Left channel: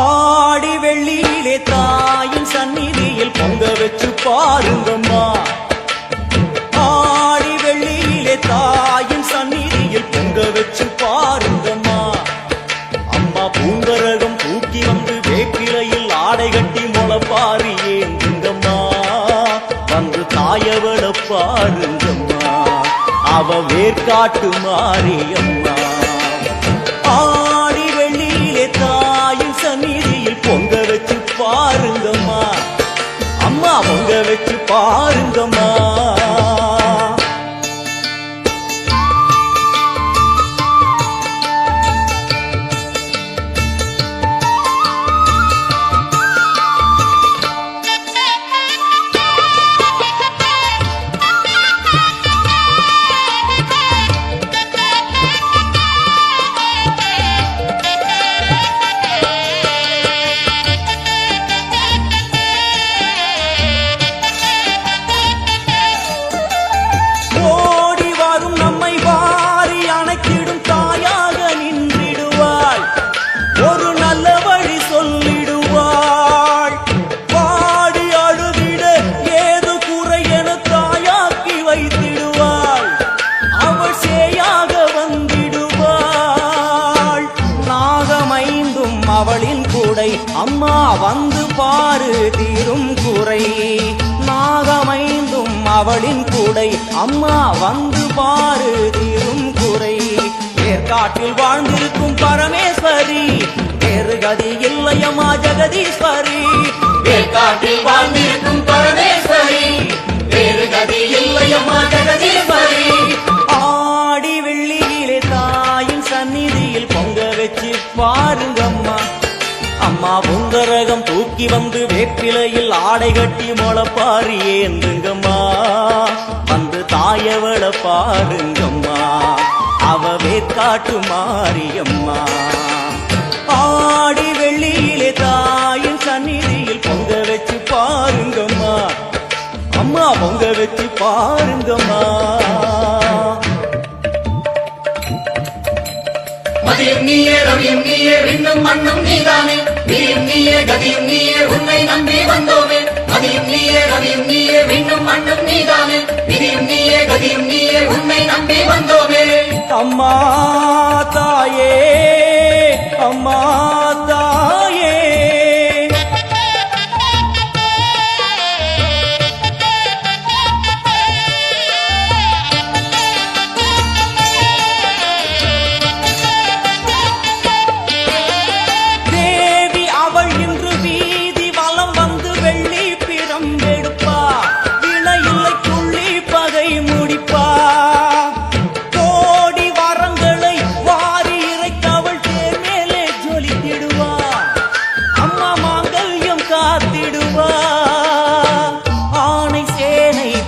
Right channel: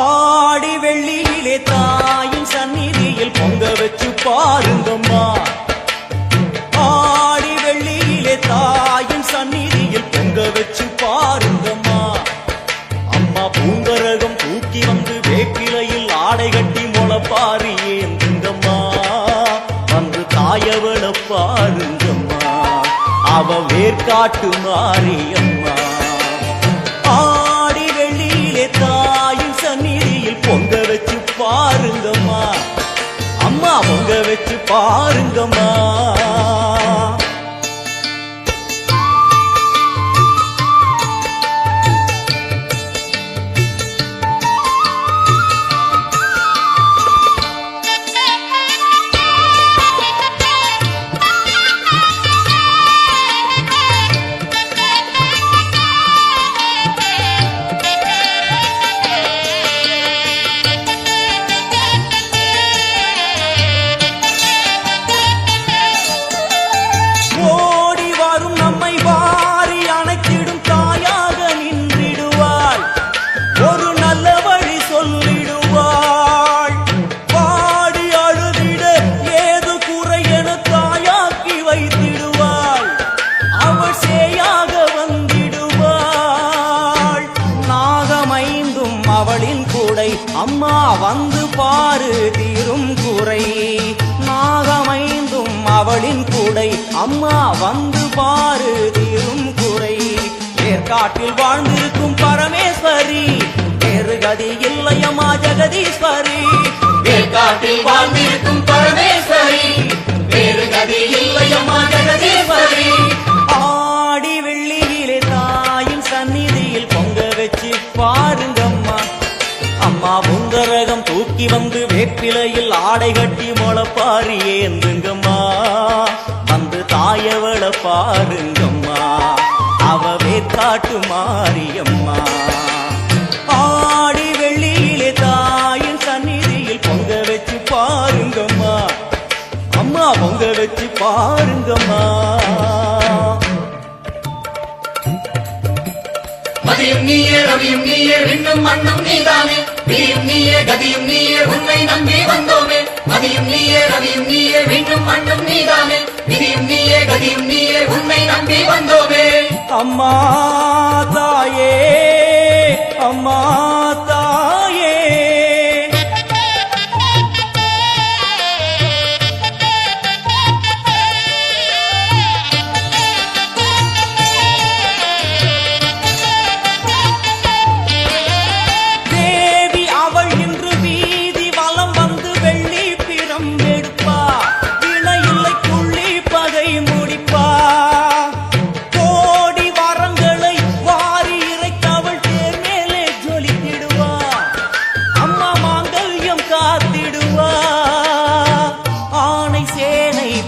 ஆடி வெள்ளியிலே தாயின் சந்நிதியில் பொங்க வச்சு பாருங்கம்மா. ஆடி வெள்ளியிலே தாயின் சந்நிதியில் பொங்க வச்சு பாருங்கம்மா. அம்மா பூங்கரகம் தூக்கி வந்து வேப்பிலையில் ஆடை கட்டி முளப்பாரி ஏந்துங்கம்மா. வந்து தாயவள பாருங்கம்மா, அவ வேர்காட்டு மாரியம்மா. ஆடி வெள்ளியிலே தாயின் சந்நிதியில் பொங்க வச்சு பாருங்கம்மா. அம்மா பொங்க வச்சு பாருங்கம்மா. ஒரு நல்ல வழி சொல்லிடுவாள். பாடி அழுதிட ஏது குறை என தாயாக்கி வைத்திடுவாள். அவள் சேயாக வந்திடுவாள். நாகமைந்தும் அவளின் கூடை, அம்மா வந்து பாரு தீரும் குறை. நாகமைந்தும் அவளின் கூடை, அம்மா வந்து பாரு தீரும் குறை. ஏற்காட்டில் வாழ்ந்திருக்கும் பரமேஸ்வரி, வேறு கதி இல்லையம்மா ஜெகதீஸ்வரி. ஏற்காட்டில் வாழ்ந்திருக்கும் பரமேஸ்வரி, வேறு கதி இல்லையம்மா ஜெகதீஸ்வரி. ஆடி வெள்ளியிலே தாயின் சந்நிதியில் பொங்க வச்சு பாருங்கம்மா. அம்மா பொங்கரகம் தூக்கி வந்து வேப்பிலையில் ஆடை கட்டி முளப்பாரி ஏந்துங்கம்மா. வந்து தாயவள பாருங்கம்மா, அவ வேர்காட்டு மாரியம்மா. ஆடி வெள்ளியிலே தாயின் சந்நிதியில் பொங்க வச்சு பாருங்கம்மா. அம்மா பொங்க வச்சு பாருங்கம்மா. மதியும் நீயே ரவியும் நீயே விண்ணும் மண்ணும் நீதானே. விதியும் நீயே கதியும் நீயே உன்னை நம்பி வந்தோமே. மதியும் நீயே ரவியும் நீயே விண்ணும் மண்ணும் நீதானே. விதியும் நீயே கதியும் நீயே உன்னை நம்பி வந்தோமே. அம்மா தாயே, அம்மா தாயே, தேவி அவள் இன்று வீதி வலம் வந்து வெள்ளி பிறம் எடுப்பா. வினையில்லை துள்ளி பகை முடிப்பா.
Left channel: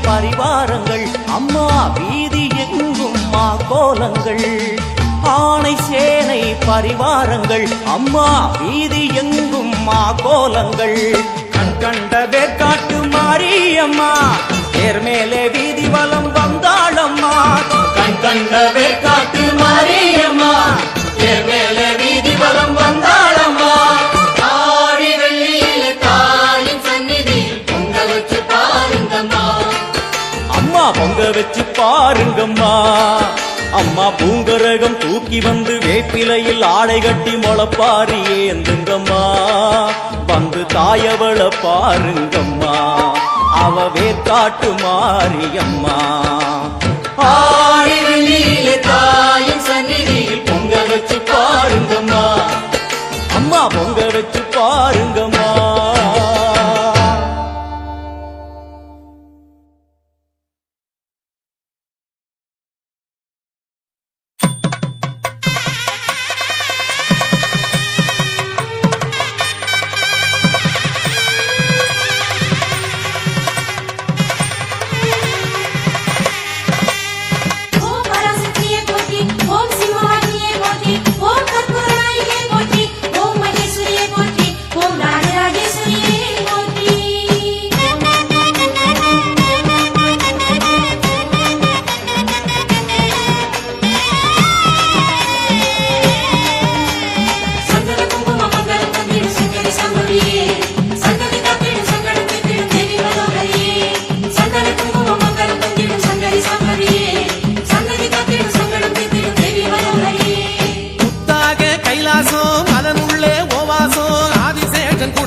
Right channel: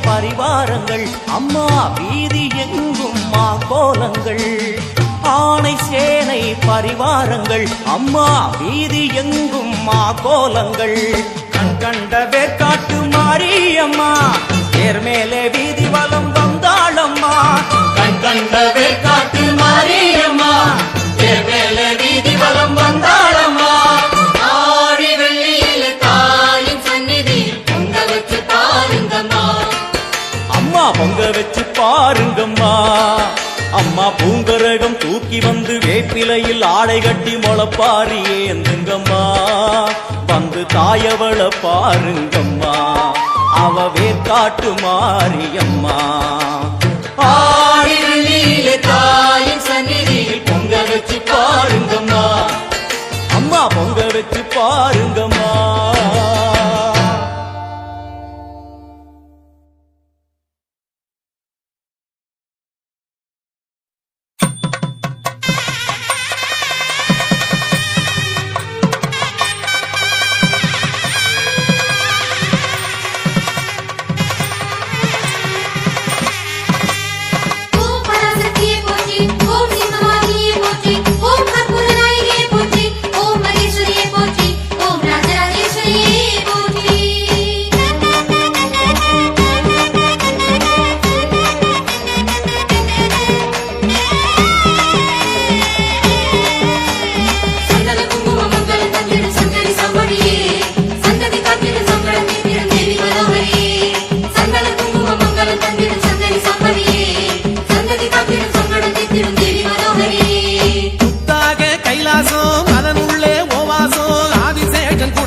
பரிவாரங்கள் அம்மா வீதி எங்கும் மா கோலங்கள். ஆணை சேனை பரிவாரங்கள் அம்மா வீதி எங்கும் மா கோலங்கள். கண் கண்ட வேர்காட்டு மாரியம்மா, தேர் மேலே வீதி வலம் வந்தாளம்மா. கண் கண்ட வேர்காட்டு மாரியம்மா, தேர் மேலே வீதி வலம் வந்தாளம்மா. ஆடி வெள்ளியில தாயின் சந்நிதியில் பொங்க வச்சு பாருங்கம்மா. அம்மா பொங்க வச்சு பாருங்கம்மா. அம்மா பூங்கரகம் தூக்கி வந்து வேப்பிலையில் ஆடை கட்டி முளப்பாரி ஏந்துங்கம்மா. வந்து தாயவள பாருங்கம்மா, அவ வேர்காட்டு மாரியம்மா. ஆடி வெள்ளியிலே தாயின் சந்நிதியில் பொங்க வச்சு பாருங்கம்மா. அம்மா பொங்க வச்சு பாருங்கம்மா.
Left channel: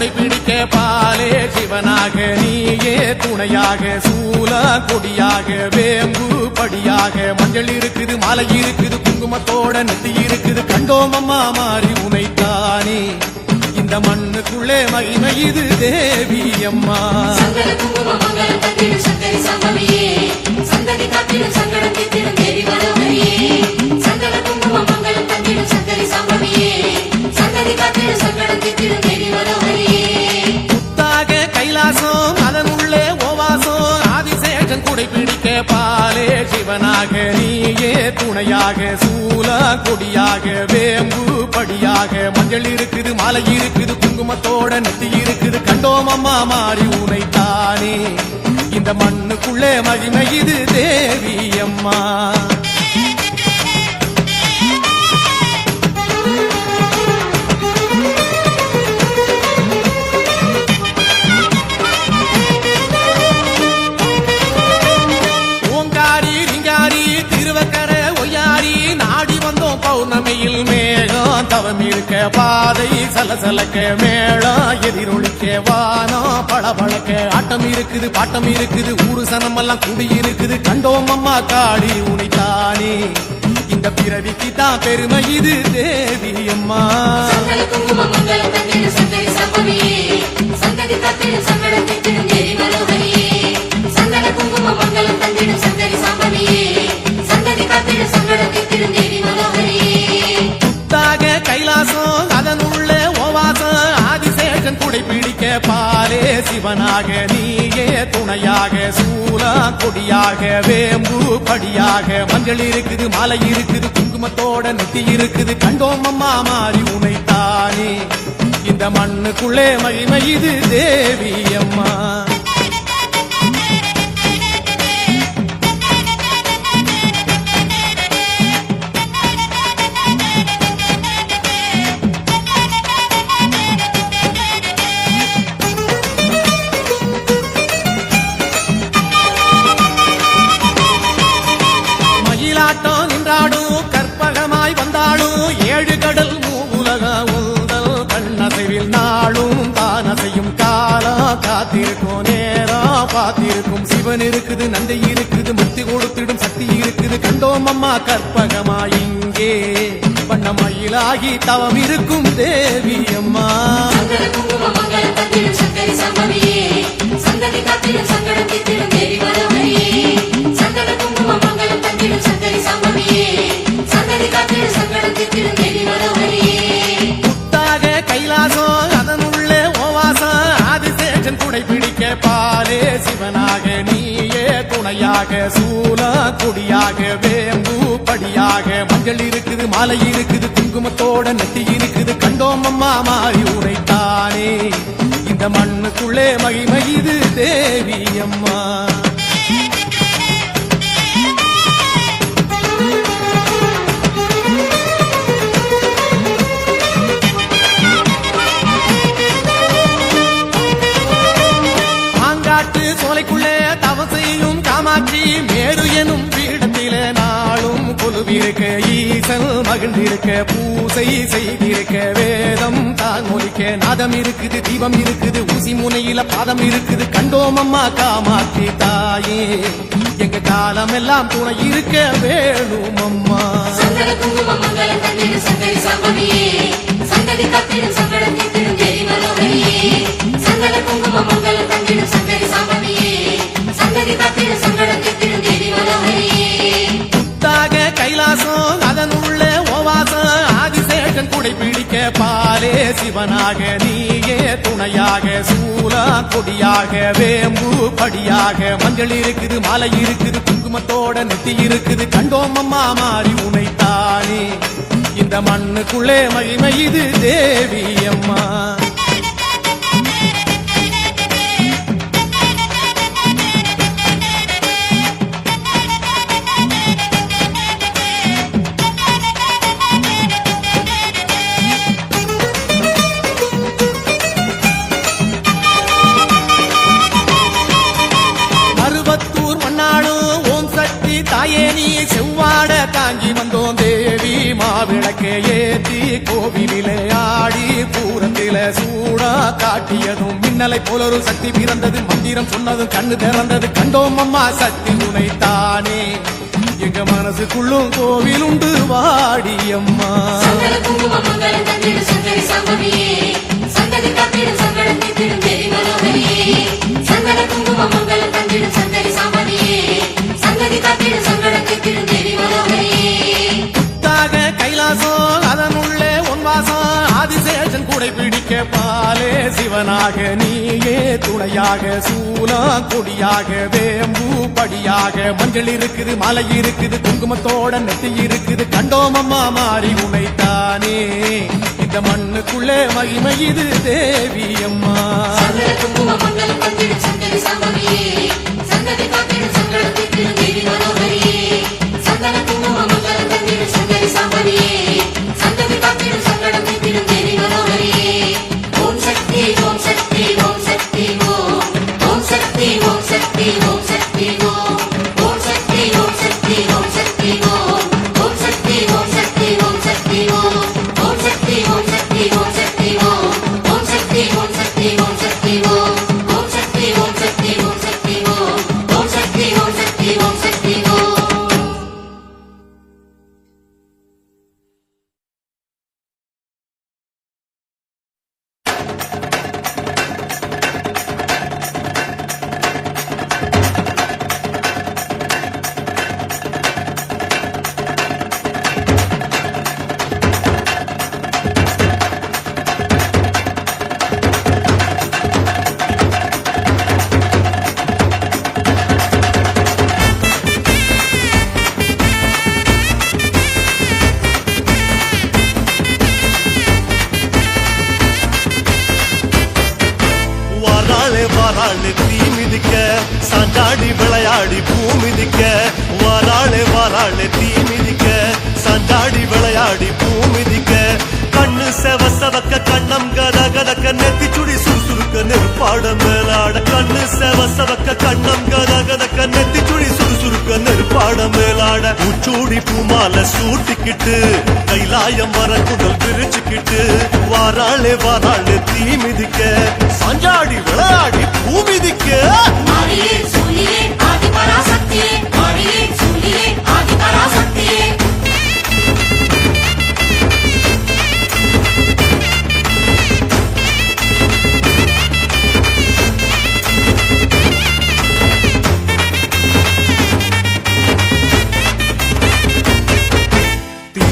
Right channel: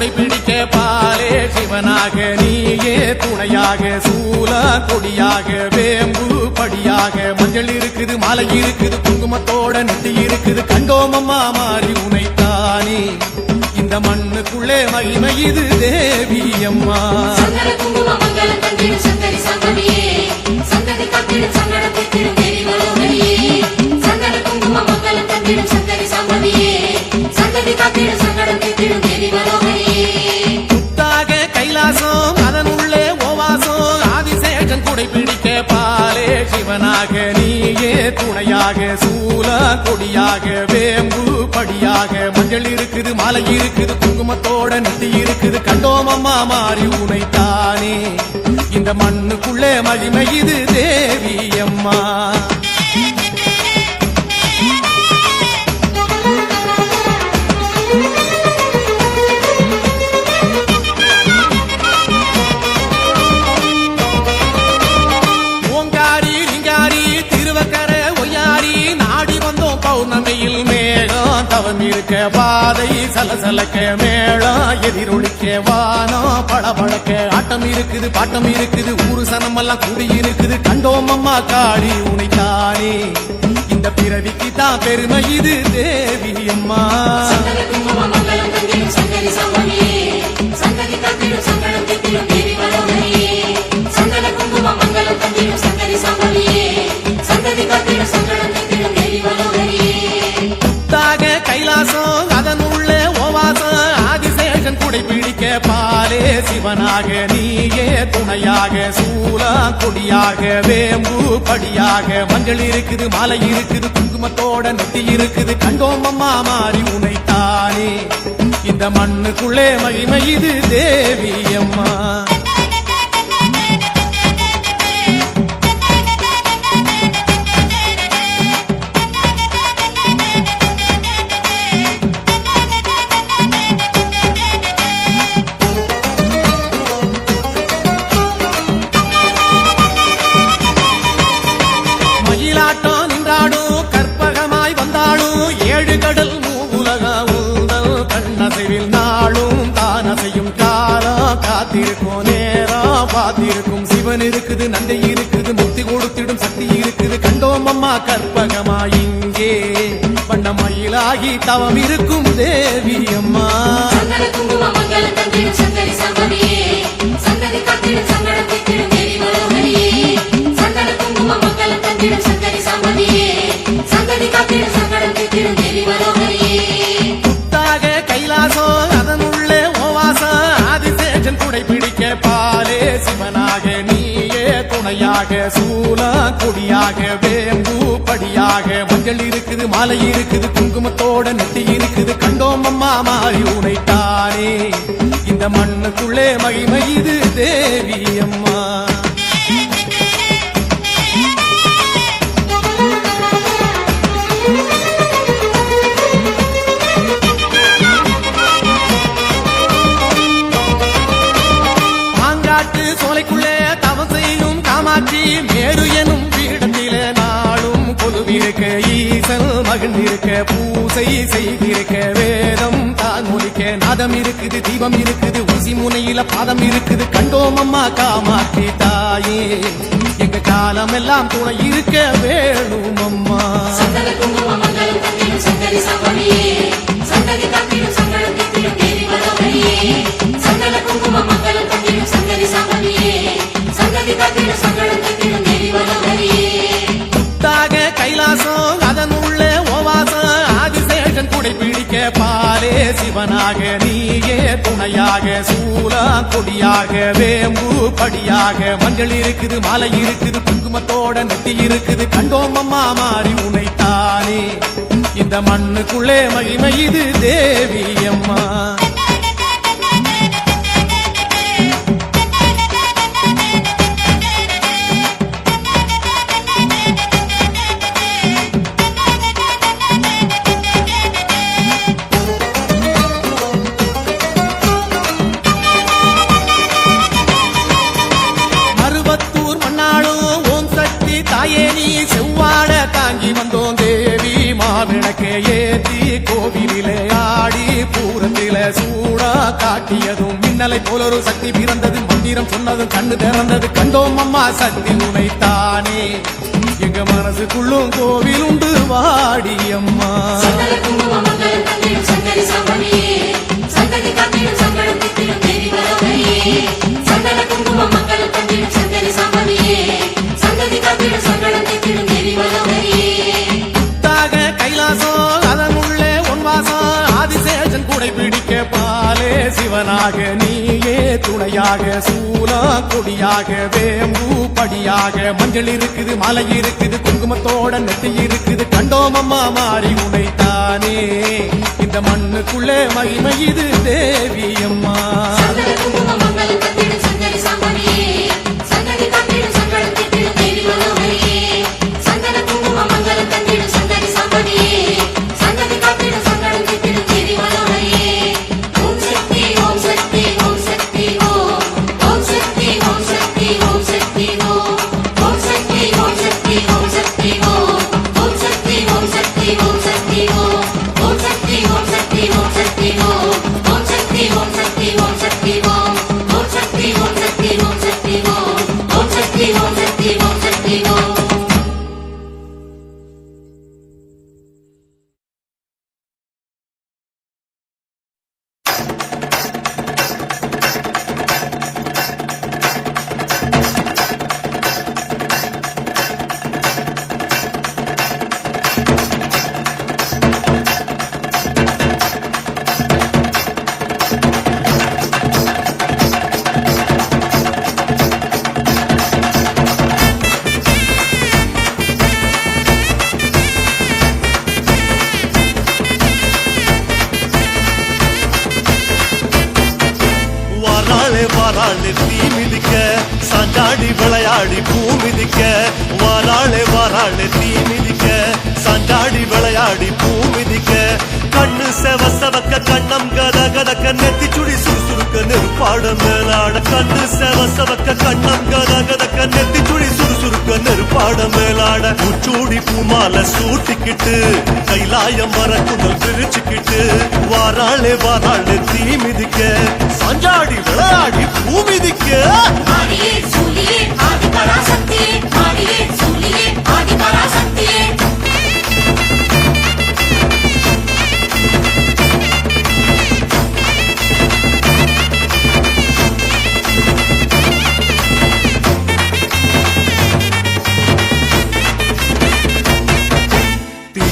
குடைபிடிக்க பாலே சிவனாக நீயே துணையாக சூல கொடியாக வேம்பு படியாக மஞ்சள் இருக்குது மாலை இருக்குது குங்குமத்தோட நெத்தி இருக்குது கண்டோமம்மா மாறி உனைத்தானே இந்த மண்ணுக்குள்ளே மகிமை இது தேவி அம்மா. சந்தன குங்கும மங்களம் தந்திடும் சங்கரி சம்பவியே சந்ததி காத்திடும் சங்கடத்தை திடும் தேவி மனோகரியே சந்தன குங்கும மங்களம் தந்திடும் சங்கரி சம்பவியே சந்ததி காத்திடும் சங்கடத்தை திடும் தேவி மனோகரியே புத்தாக கைலாசம் அதன் உள்ளே ஓவாசம் ஆதிசேஷன் குடைபிடிக்க பாலே சிவனாக நீயே துணையாக சூல கொடியாக வேம்பு படியாக மஞ்சள் இருக்குது மாலை இருக்குது குங்குமத்தோட நெத்தி இருக்குது கண்டோமம்மா மாறி உனைத்தானே இந்த மண்ணுக்குள்ளே மகிமை இது தேவி அம்மா. ஓங்காரி ரிங்காரி திருவக்கரை ஒய்யாரி நாடி வந்தோம் பௌர்ணமியில் மேகம் தவம் இருக்க பாதை சலசலக்க மேளம் எதிரொலிக்க வானம் பளபளக்க ஆட்டம் இருக்குது பாட்டம் இருக்குது ஊரு சனமெல்லாம் கூடி இருக்குது கண்டோம் அம்மா காளி உனைத்தானே இந்த பிறவிக்கு தான் பெருமை இது தேவி அம்மா. சந்தன குங்கும மங்களம் தந்திடும் சங்கரி சம்பவியே சந்ததி காத்திடும் சங்கடத்தை திடும் தேவி மனோகரியே சந்தன குங்கும மங்களம் தந்திடும் சங்கரி சம்பவியே சந்ததி காத்திடும் சங்கடத்தை திடும் தேவி மனோகரியே புத்தாக கைலாசம் அதன் உள்ளே ஓவாசம் ஆதிசேஷன் குடைபிடிக்க பாலே சிவனாக நீயே துணையாக சூல கொடியாக வேம்பு படியாக மஞ்சள் இருக்குது மாலை இருக்குது குங்குமத்தோட நெத்தி இருக்குது கண்டோமம்மா மாறி உனைத்தானே இந்த மண்ணுக்குள்ளே மகிமை இது தேவி அம்மா. மயிலாட்டம் நின்றாடும் கற்பகமாய் வந்தாலும் ஏழு கடல் மூவுலக உந்தல் கண்ணசைவில் நாளும் தானசையும் காலம் காத்திருக்கும் நேரம் பார்த்திருக்கும் சிவன் இருக்குது நந்தை இருக்குது முக்தி கொடுத்திடும் சக்தி இருக்குது கண்டோம் அம்மா கற்பகமாய் இங்கே வண்ண மயிலாகி தவம் இருக்கும் தேவி அம்மா. சந்தன குங்கும மங்களம் தந்திடும் சங்கரி சம்பவியே சந்ததி காத்திடும் சங்கடத்தை திடும் தேவி மனோகரியே சந்தன குங்கும மங்களம் தந்திடும் சங்கரி சம்பவியே சந்ததி காத்திடும் சங்கடத்தை திடும் தேவி மனோகரியே புத்தாக கைலாசம் அதன் உள்ளே ஓவாசம் ஆதிசேஷன் குடைபிடிக்க பாலே சிவனாக நீயே துணையாக சூல கொடியாக வேம்பு படியாக மஞ்சள் இருக்குது மாலை இருக்குது குங்குமத்தோட நெத்தி இருக்குது கண்டோம் அம்மா மாறி உனைத்தானே இந்த மண்ணுக்குள்ளே மகிமை இது தேவி அம்மா. பாங்காட்டு சோலைக்குள்ளே தவம் செய்யும் காமாட்சி மேரு எனும் பீடத்திலே நாளும் கொலுவிருக்க ஈசல் மகிழ்ந்திருக்க பூசை செய்திருக்க வேதம் தான் ஒலிக்க நாதம் இருக்குது தீபம் இருக்குது ஊசி முனையில பாதம் இருக்குது கண்டோம் அம்மா காமாட்சி தாயே எங்க காலம் எல்லாம் துணை இருக்க வேணும் அம்மா. சந்தன குங்கும மங்களம் தந்திடும் சங்கரி சம்பவியே சந்ததி காத்திடும் சங்கடத்தை திடும் தேவி மனோகரியே சந்தன குங்கும மங்களம் தந்திடும் சங்கரி சம்பவியே சந்ததி காத்திடும் சங்கடத்தை திடும் தேவி மனோகரியே புத்தாக கைலாசம் அதன் உள்ளே ஓவாசம் ஆதிசேஷன் குடைபிடிக்க பாலே சிவனாக நீயே துணையாக சூல கொடியாக வேம்பு படியாக மஞ்சள் இருக்குது மாலை இருக்குது குங்குமத்தோட நெத்தி இருக்குது கண்டோம் அம்மா மாறி உனைத்தானே இந்த மண்ணுக்குள்ளே மகிமை இது தேவி அம்மா. மருவத்தூர் பண்ணாலும் ஓம் சக்தி தாயே நீ செவ்வாட தாங்கி வந்தோம் தேவி மாவிளக்கே ஏத்தி கோவிலிலே ஆடி பூரத்தில சூடா காட்டியதும் மின்னலை போல ஒரு சக்தி பிறந்தது மந்திரம் சொன்னதும் கண்ணு திறந்தது கண்டோம் அம்மா சக்தி உனைத்தானே எங்க மனசுக்குள்ளும் கோவில் உண்டு வாடி அம்மா புத்தாக கைலாசம் அதனுள்ளே ஒன்வாசம் ஆதிசேஷன் கூடை பிடிக்க பாலே சிவனாக நீயே துணையாக சூலம் கொடியாக வேம்பு படியாக மஞ்சள் இருக்குது மலை இருக்குது குங்குமத்தோட நெத்தி இருக்குது கண்டோம் அம்மா மாறி உனைத்தானே இந்த மண்ணுக்குள்ளே மகிமை இது தேவி அம்மா வாராளே தீ மிதிக்க சாஞ்சாடி விளையாடி பூ மிதிக்க வாராளே தீ மிதிக்க சாஞ்சாடி விளையாடி பூ மிதிக்க கண்ணு செவக்க கண்ணம் கத கதக்க நெத்தி சுடி சுறுசுறுக்க நெருப்பாட மேலாட கண்ணு செவக்க கண்ணம் கத கதக்க நெத்தி சுடி சுறுசுறுக்க நெருப்பாட மேலாட பூச்சூடி பூமால சூட்டிக்கிட்டு கைலாயம் வர குதல் விரிச்சுக்கிட்டு வாராளே தீ மிதிக்க சாஞ்சாடி விளையாடி பூ மிதிக்க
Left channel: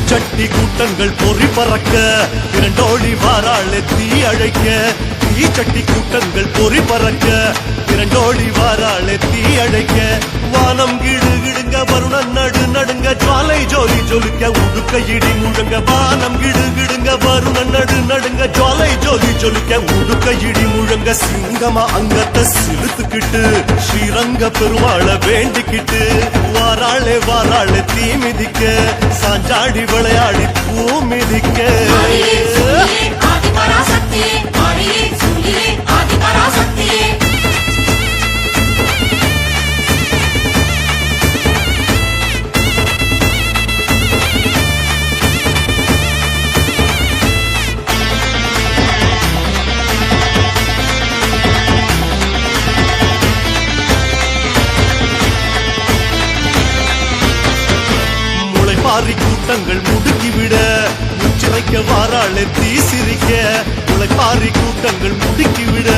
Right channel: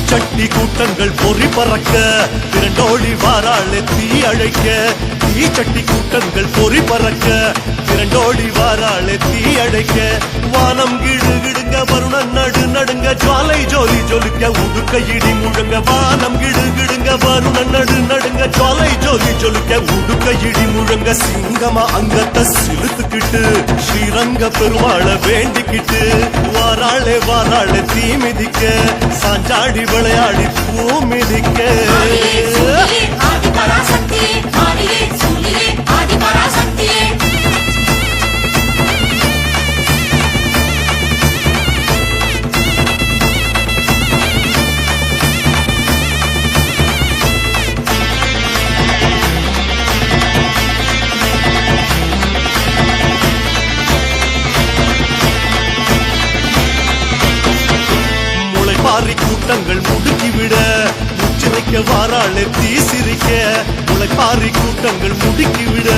சட்டி கூட்டங்கள் பொறி பறக்க திரண்டோடி வாராளே தீ அழைக்க தீச்சட்டி கூட்டங்கள் பொறி பறக்க திரண்டோடி வாராளே தீ அழைக்க வானம் கிடுகிடுங்க வருணன் நடுங்க ஜுவாலை ஜோலி ஜொலிக்க உடுக்க இடி முழங்க வானம் கிடுகிடுங்க வருணன் நடுங்க ஜுவாலை ஜோலி ஜொலிக்க உடுக்க இடி முழங்க சிங்கமா அங்கத்தை சிலுத்துக்கிட்டு ஸ்ரீரங்க பெருமாளை வேண்டிக்கிட்டு வாராளே தீ மிதிக்க சாஞ்சாடி விளையாடி பூ மிதிக்க பாரி கூட்டங்கள் முடுக்கிவிட முச்சிறைக்க வாராளே தீ சிரிக்க உழைப்பாரி கூட்டங்கள் முடுக்கிவிட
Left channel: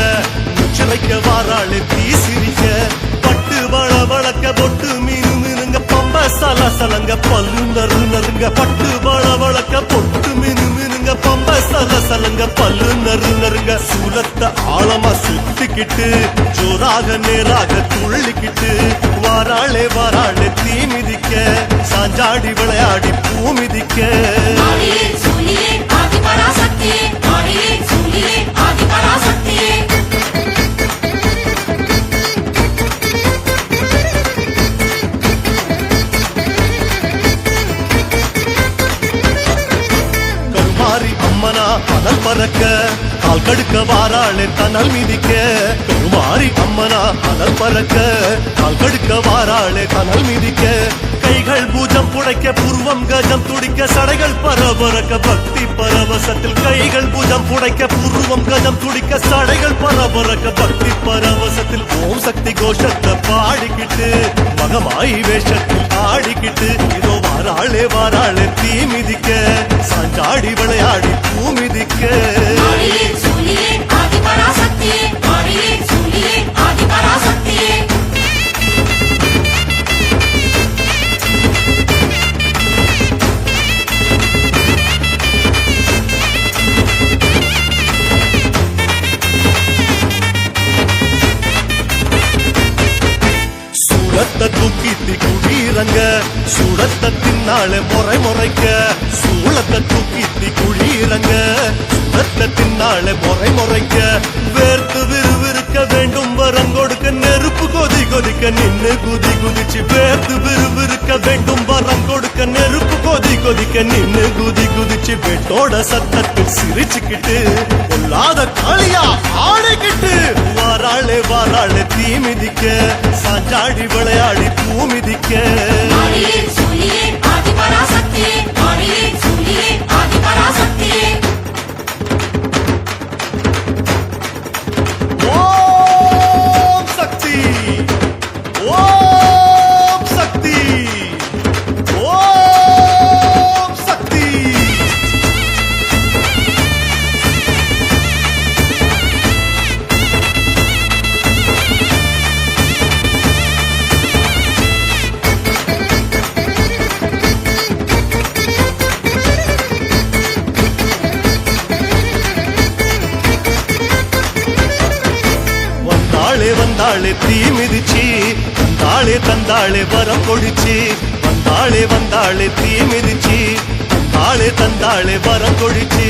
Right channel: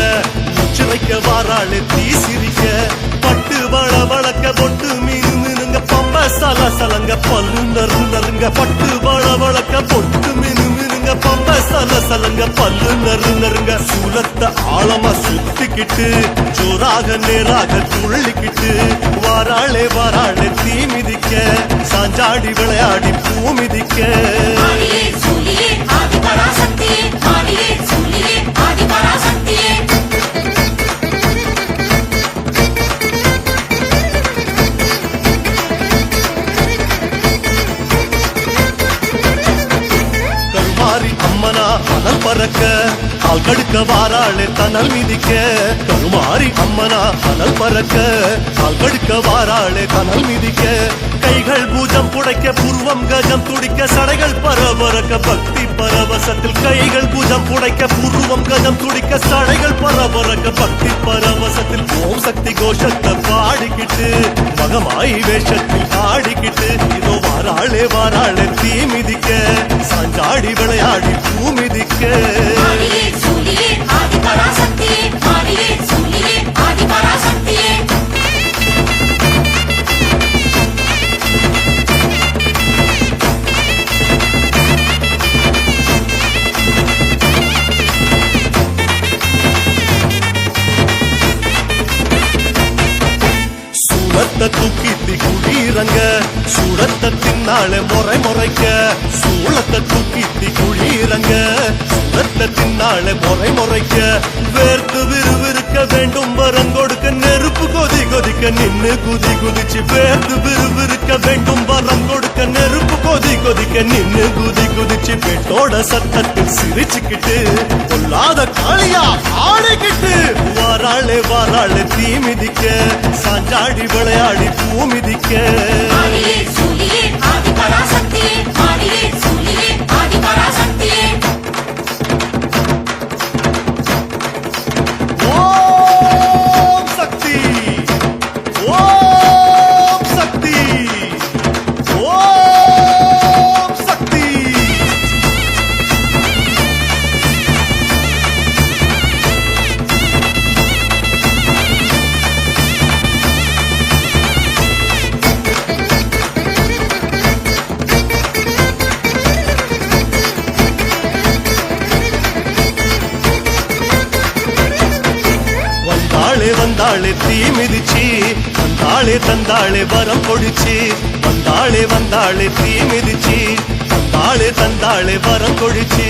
முச்சிறைக்க வாராளே தீ சிரிக்க பட்டு வளக்க பொட்டு மீனு மீனுங்க பம்ப சலங்க பல்லு நறுங்க பட்டு வளக்க பொட்டு மீனு மீனுங்க பம்ப சலங்க பல்லு நறுங்க சூலத்தை ஆழமா சுத்திக்கிட்டு ஜோராக நேராக துள்ளிக்கிட்டு வாராளே தீ மிதிக்க சாஞ்சாடி விளையாடி பூ மிதிக்க கருமாரி அம்மனா அனல் பறக்க கால் கடுக்க வாராளே தனல் மிதிக்க கருமாரி அம்மனா அனல் பறக்க கால் கடுக்க வாராளே தனல் மிதிக்க கைகள் பூஜம் புடைக்க புருவம் கஜம் துடிக்க சடைகள் பரபரக்க பக்தி பரவசத்தில் கைகள் பூஜம் புடைக்க புருவம் கஜம் துடிக்க சடைகள் பரபரக்க பக்தி பரவசத்தில் ஓம் சக்தி கோஷத்தை பாடிக்கிட்டு மகமாயி வேஷத்தில் ஆடிக்கிட்டு இதோ வாராளே வாராளே தீ மிதிக்க சாஞ்சாடி விளையாடி பூ மிதிக்க சூளத்தை தூக்கித்தி குழீரங்க சூடத்தை தின்னாளே முறை முறைக்க சூளத்தை தூக்கித்தி குழீரங்க சூடத்தை தின்னாளே முறை முறைக்க வேர்த்து விறுவிறுக்க வேண்டும் வரம் கொடுக்க நெருப்பு கொதி கொதிக்க நின்னு குதி குதிச்சு வேர்த்து விறுவிறுக்க வேண்டும் வரம் கொடுக்க நெருப்பு கொதி கொதிக்க நின்னு குதி குதிச்சு வெட்டோட சத்தத்தில் சிரிச்சுக்கிட்டு பொல்லாத காளியா ஆடிக்கிட்டு வாராளே வாராளே தீ மிதிக்க சாஞ்சாடி விளையாடி பூ மிதிக்க ஓம் சக்தி ஓம் சக்தி ஓம் சக்தி வந்தாளே வந்தாளே தீ மிதிச்சு வந்தாளே தந்தாளே வரம் கொடிச்சு வந்தாளே வந்தாளே தீ மிதிச்சு தந்தாளே தந்தாளே வரம் கொடிச்சு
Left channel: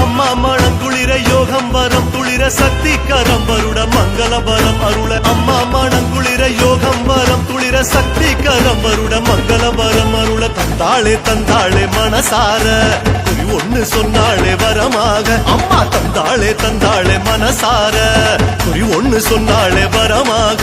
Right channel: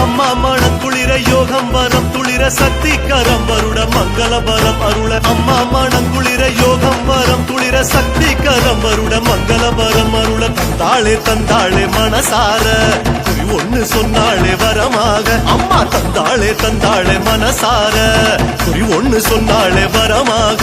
அம்மா மணங்குளிர யோகம் வரம் துளிர சக்தி கரம் வருட மங்கள வரம் அருள அம்மா மணங்குளிர யோகம் வரம் துளிர சக்தி கரம் வருட மங்கள வரம் அருள தந்தாளே தந்தாளே மனசார குறி ஒண்ணு சொன்னாளே வரமாக அம்மா தந்தாளே தந்தாளே மனசார குறி ஒண்ணு சொன்னாளே வரமாக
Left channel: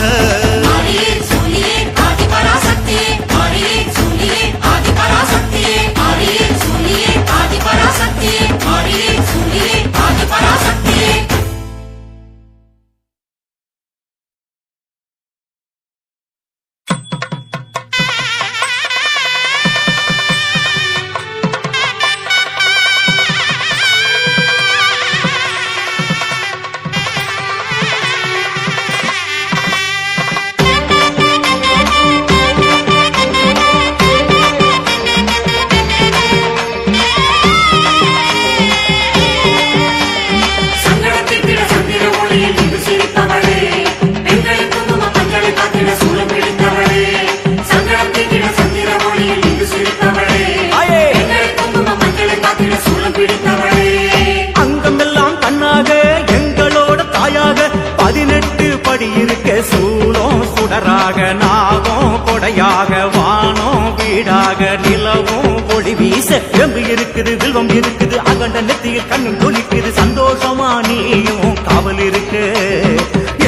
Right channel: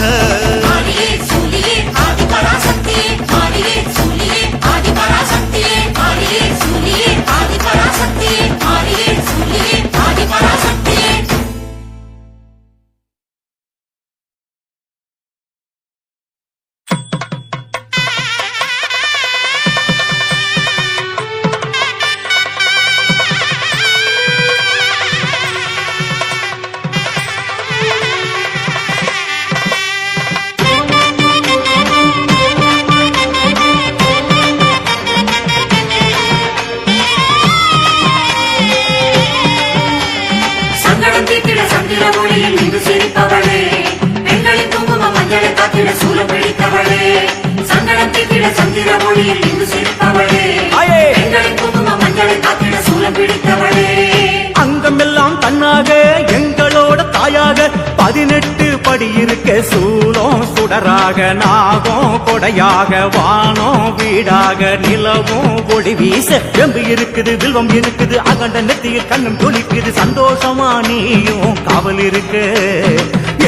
அங்கமெல்லாம் தன்னாக எங்களோட தாயாக 18 படி இருக்க சூலம் சுடராக நாகம் கொடையாக வானம் வீடாக நிலவும் ஒளி வீச வெம்பு இருக்குது வில்வம் இருக்குது அகண்ட நெத்தியில் கண்ணும் துளிக்குது சந்தோஷமா நீயும் காவல் இருக்கு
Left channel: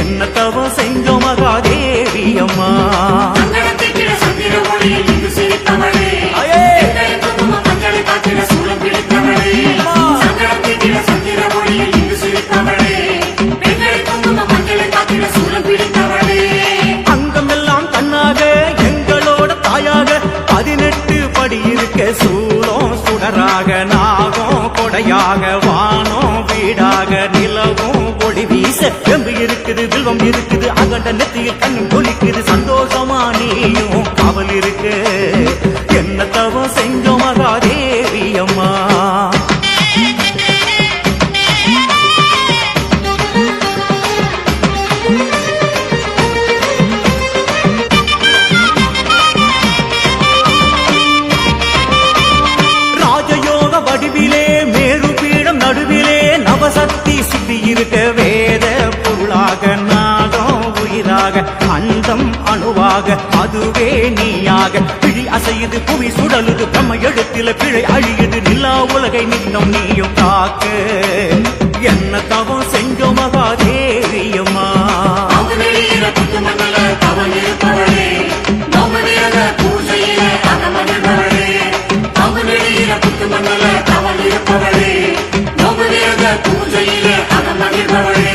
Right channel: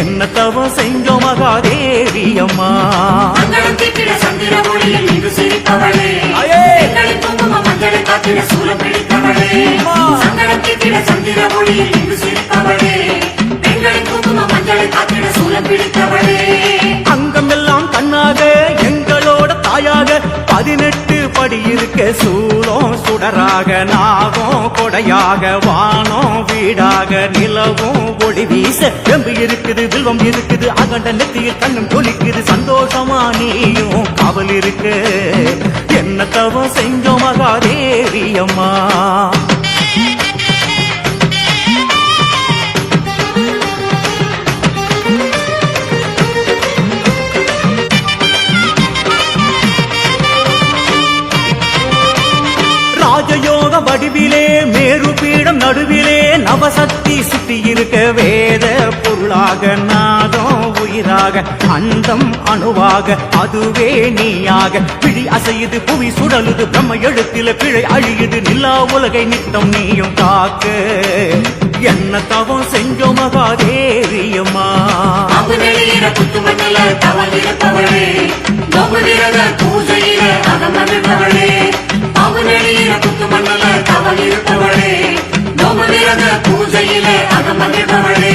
என்ன தவம் செஞ்சோம் மகாதேவி அம்மா அங்கமெல்லாம் கண்ணாக எங்களோட தாயாக 18 படி இருக்க சூலம் சுடராக நாகம் கொடையாக வானம் வீடாக நிலவும் ஒளி வீச வெம்பு இருக்குது வில்வம் இருக்குது அகண்ட நெத்தியில் கண்ணும் துளிக்குது சந்தோஷமா நீயும் காவல் இருக்கு என்ன தவம் செஞ்சோம் மகாதேவி அம்மா ராஜயோக வடிவிலே மேரு மேரு பீடம் நடுவிலே நவசக்தி சுத்தி இருக்க வேத பொருளாக நாதம் உயிராக அந்தம் அணுவாக அதுவே நீயாக பிழி அசையுது புவி சுடலுது பிரம்ம எழுத்தில பிழை அழியுது நிலா உலகை நித்தம் நீயும் காக்க என்ன தவம் செஞ்சோ மகாதேவியம்மா அமுதெளியில குத்துமண்டல தவம் இருப்பவளே நோபுவிரத பூஜையில அகமகிழ்பவளே அமுதெளியில குத்துமண்டல தவம் இருப்பவளே நோபுவிரத பூஜையில அகமகிழ்பவளே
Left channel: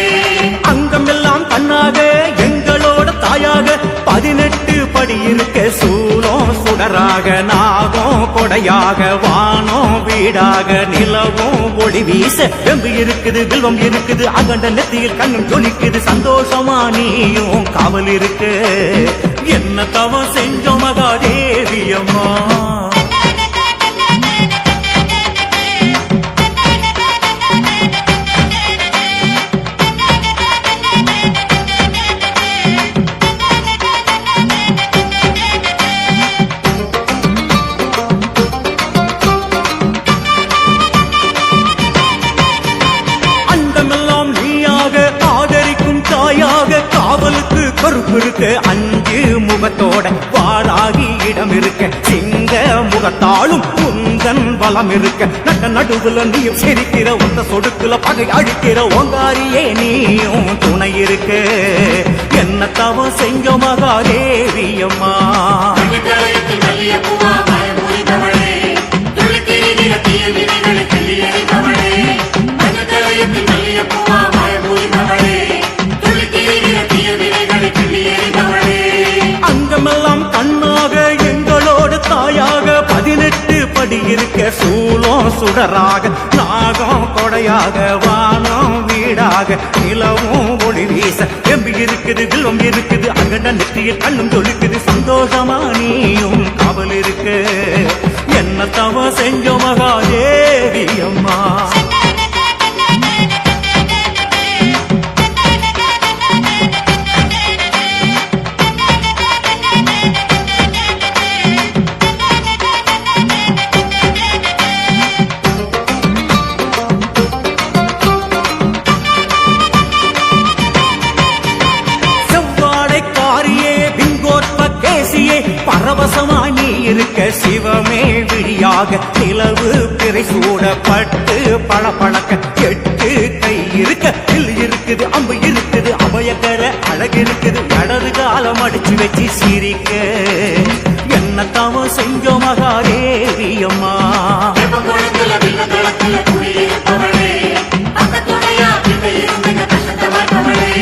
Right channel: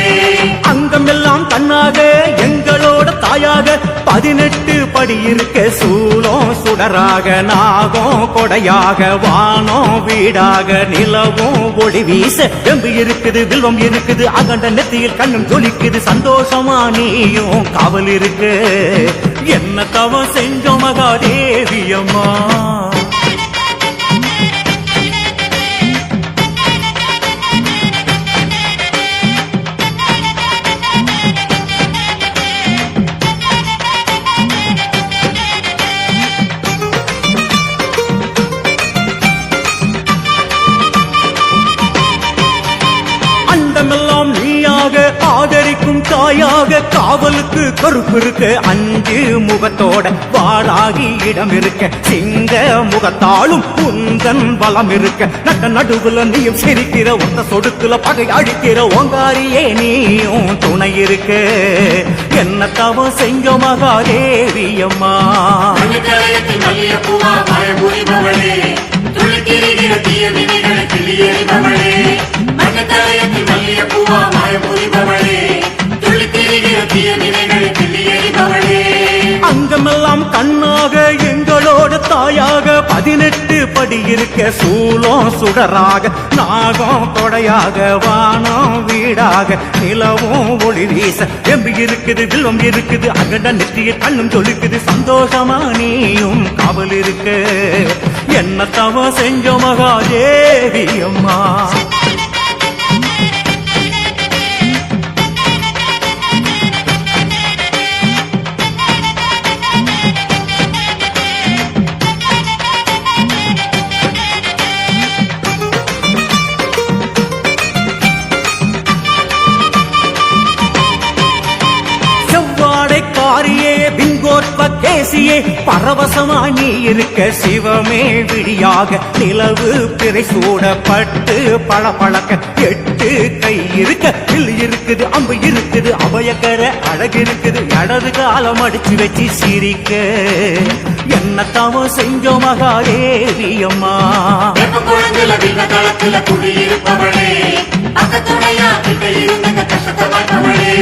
அங்கமெல்லாம் கண்ணாக எங்களோட தாயாக 18 படி இருக்க சூலம் சுடராக நாகம் கொடையாக வானம் வீடாக நிலவும் ஒளி வீச எம்பு இருக்குது வில்வம் இருக்குது அகண்ட நெத்தியில் கண்ணும் ஜொலிக்குது சந்தோஷமா நீயும் காவல் இருக்கு என்ன தவம் செஞ்சோம் மகாதேவியம்மா அண்டமெல்லாம் நீயாக ஆதரிக்கும் தாயாக காவலுக்கு கருப்பு இருக்க 5 முகத்தோட வாராகி இடம் இருக்க சிங்க முகத்தாலும் உந்தன் வளம் இருக்க நட்ட நடுவுல நீயும் சிரிக்கிற ஒத்த சொடுக்குல பகை அழிக்கிற ஓங்காரியே நீயும் துணை இருக்க என்ன தவம் செஞ்சோ மகாதேவியம்மா அகிதலயத்தில் மல்லிய பூவா பயமுறிபவளே துளித்திரிகிற தீய வினைகளை கிளியறிபவளே அகிதலயத்தில் மல்லிய பூவா பயமுறிபவளே துளித்திரிகிற தீய வினைகளை கிளியறிபவளே அங்கமெல்லாம் கண்ணாக எங்களோட தாயாக 18 படி இருக்க சூலம் சுடராக நாகம் கொடையாக வானம் வீடாக நிலவும் ஒளி வீச எம்பி இருக்குது வில்வம் இருக்குது அகண்ட நெற்றியில் கண்ணும் ஜொலிக்குது சந்தோஷமா நீயும் காவல் இருக்கு என்ன தவம் செஞ்சோ மகாதேவி அம்மா காரியே பிங்கோத்ப கேசியே பரவசமா நீ இருக்க சிவமே விழியாக நிலவு பிறை சூடப்பட்டு பளபளக்க 8 கை இருக்க வில் இருக்குது அம்பு இருக்குது அபயகர அழகு இருக்குது இடது காலம் அடிச்சு வச்சு சிரிக்க என்ன தவம் செஞ்சோ மகாதேவி அம்மா வெப்பங்குளத்துல வில்வதளத்துல குடியிருப்பவளே அக்கத்துணையா கிட்ட இருந்த கஷ்டத்தை மாற்றவளே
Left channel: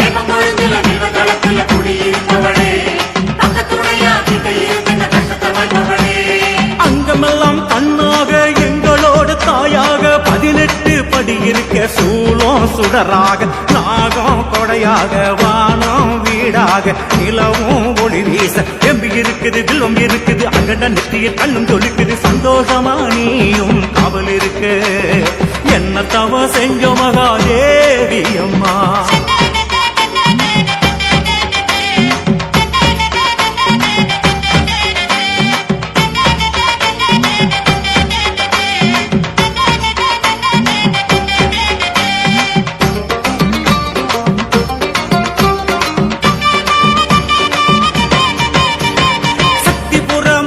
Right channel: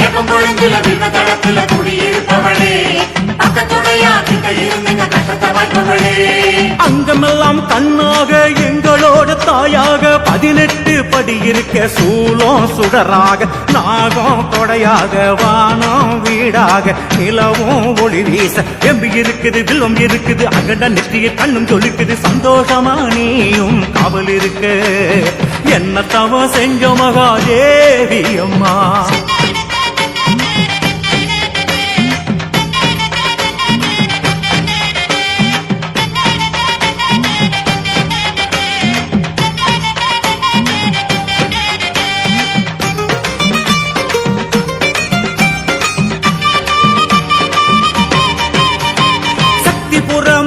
வெப்பங்குளத்துல வில்வதளத்துல குடியிருப்பவளே அக்கத்துணையா கிட்ட இருந்த கஷ்டத்தை மாற்றவளே அங்கமெல்லாம் கண்ணாக எங்களோட தாயாக 18 படி இருக்க சூலம் சுடராக நாகம் கொடையாக வானம் வீடாக நிலவும் ஒளி வீச எம்பி இருக்குது வில்வம் இருக்குது அகண்ட நெற்றியில் கண்ணும் ஜொலிக்குது சந்தோஷமா நீயும் காவல் இருக்கு என்ன தவம் செஞ்சோ மகாதேவி அம்மா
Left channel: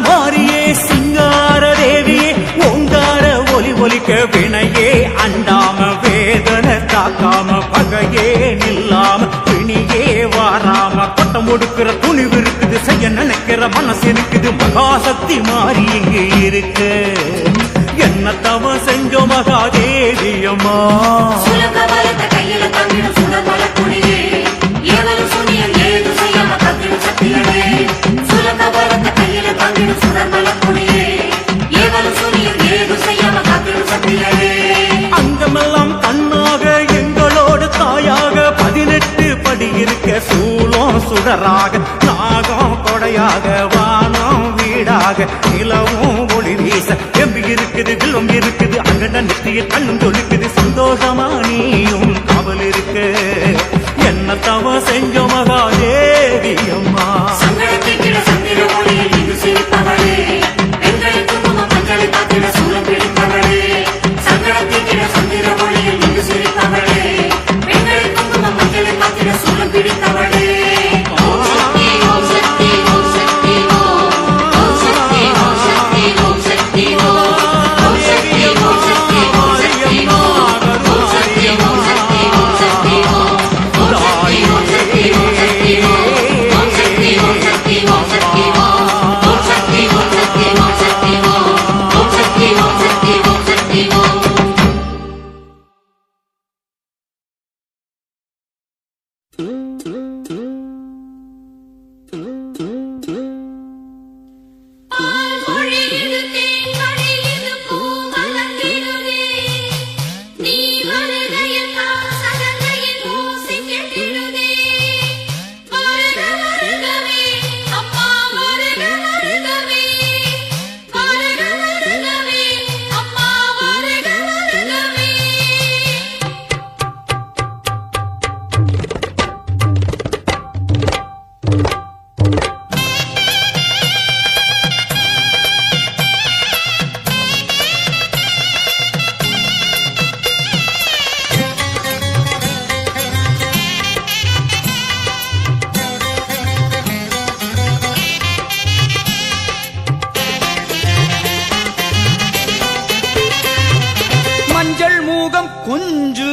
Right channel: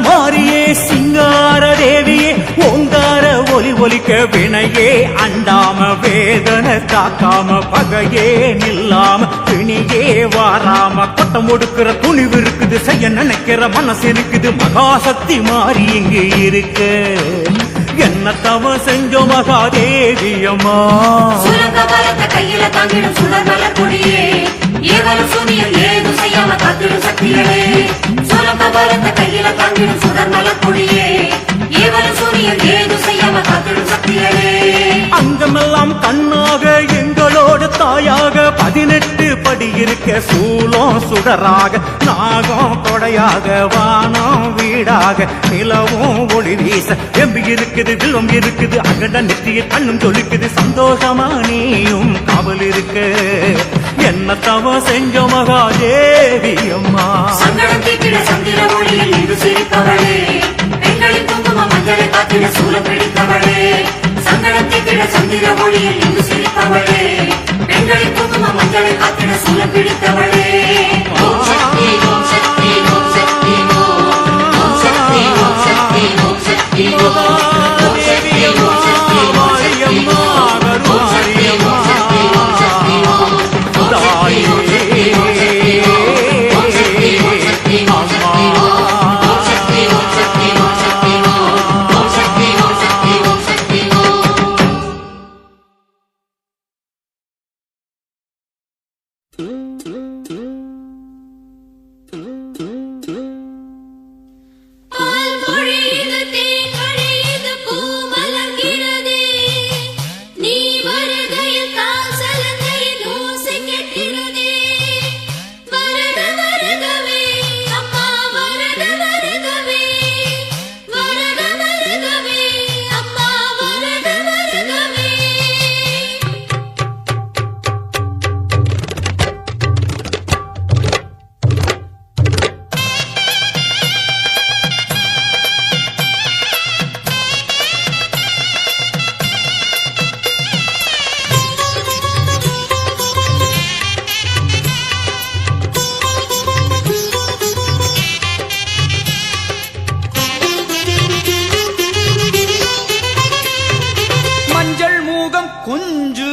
மாரியே சிங்கார தேவியே ஓங்கார ஒலி ஒலிக்க வினையே அண்டாம வேதனை தாக்காம பகையே நில்லாம பிணியே வாராம கொட்டம் ஒடுக்கிற துணிவு இருக்குது செய்ய நினைக்கிற மனசு இருக்குது மகாசக்தி மாறி இங்கு இருக்கு என்ன தவ செஞ்சோ மகாதேவியம்மா கையில தங்கிடும் சுடர்மல கொடியே ஏவலும் சுனியல் ஏது செய்யாம கத்திடும் சக்திகளே சுரங்கபலத்த கையில தங்கிடும் சுடர்மல கொடியே ஏவலும் சுனியல் ஏது செய்யாம கத்திடும் சக்திகளே அங்கமெல்லாம் கண்ணாக எங்களோட தாயாக 18 படி இருக்க சூலம் சுடராக நாகம் கொடையாக வானம் வீடாக நிலவும் ஒளி வீச எம்பி இருக்குது வில்வம் இருக்குது அகண்ட நெற்றியில் கண்ணும் ஜொலிக்குது சந்தோஷமா நீயும் காவல் இருக்கு என்ன தவ செஞ்சோ மகாதேவி அம்மா சங்கடம் தீட்டிட சந்திர ஒளியில் இது சிரிப்பவளே பெண்களின் குங்குமம் மஞ்சளை காத்திட சூலம் பிடித்தவளே சங்கடம்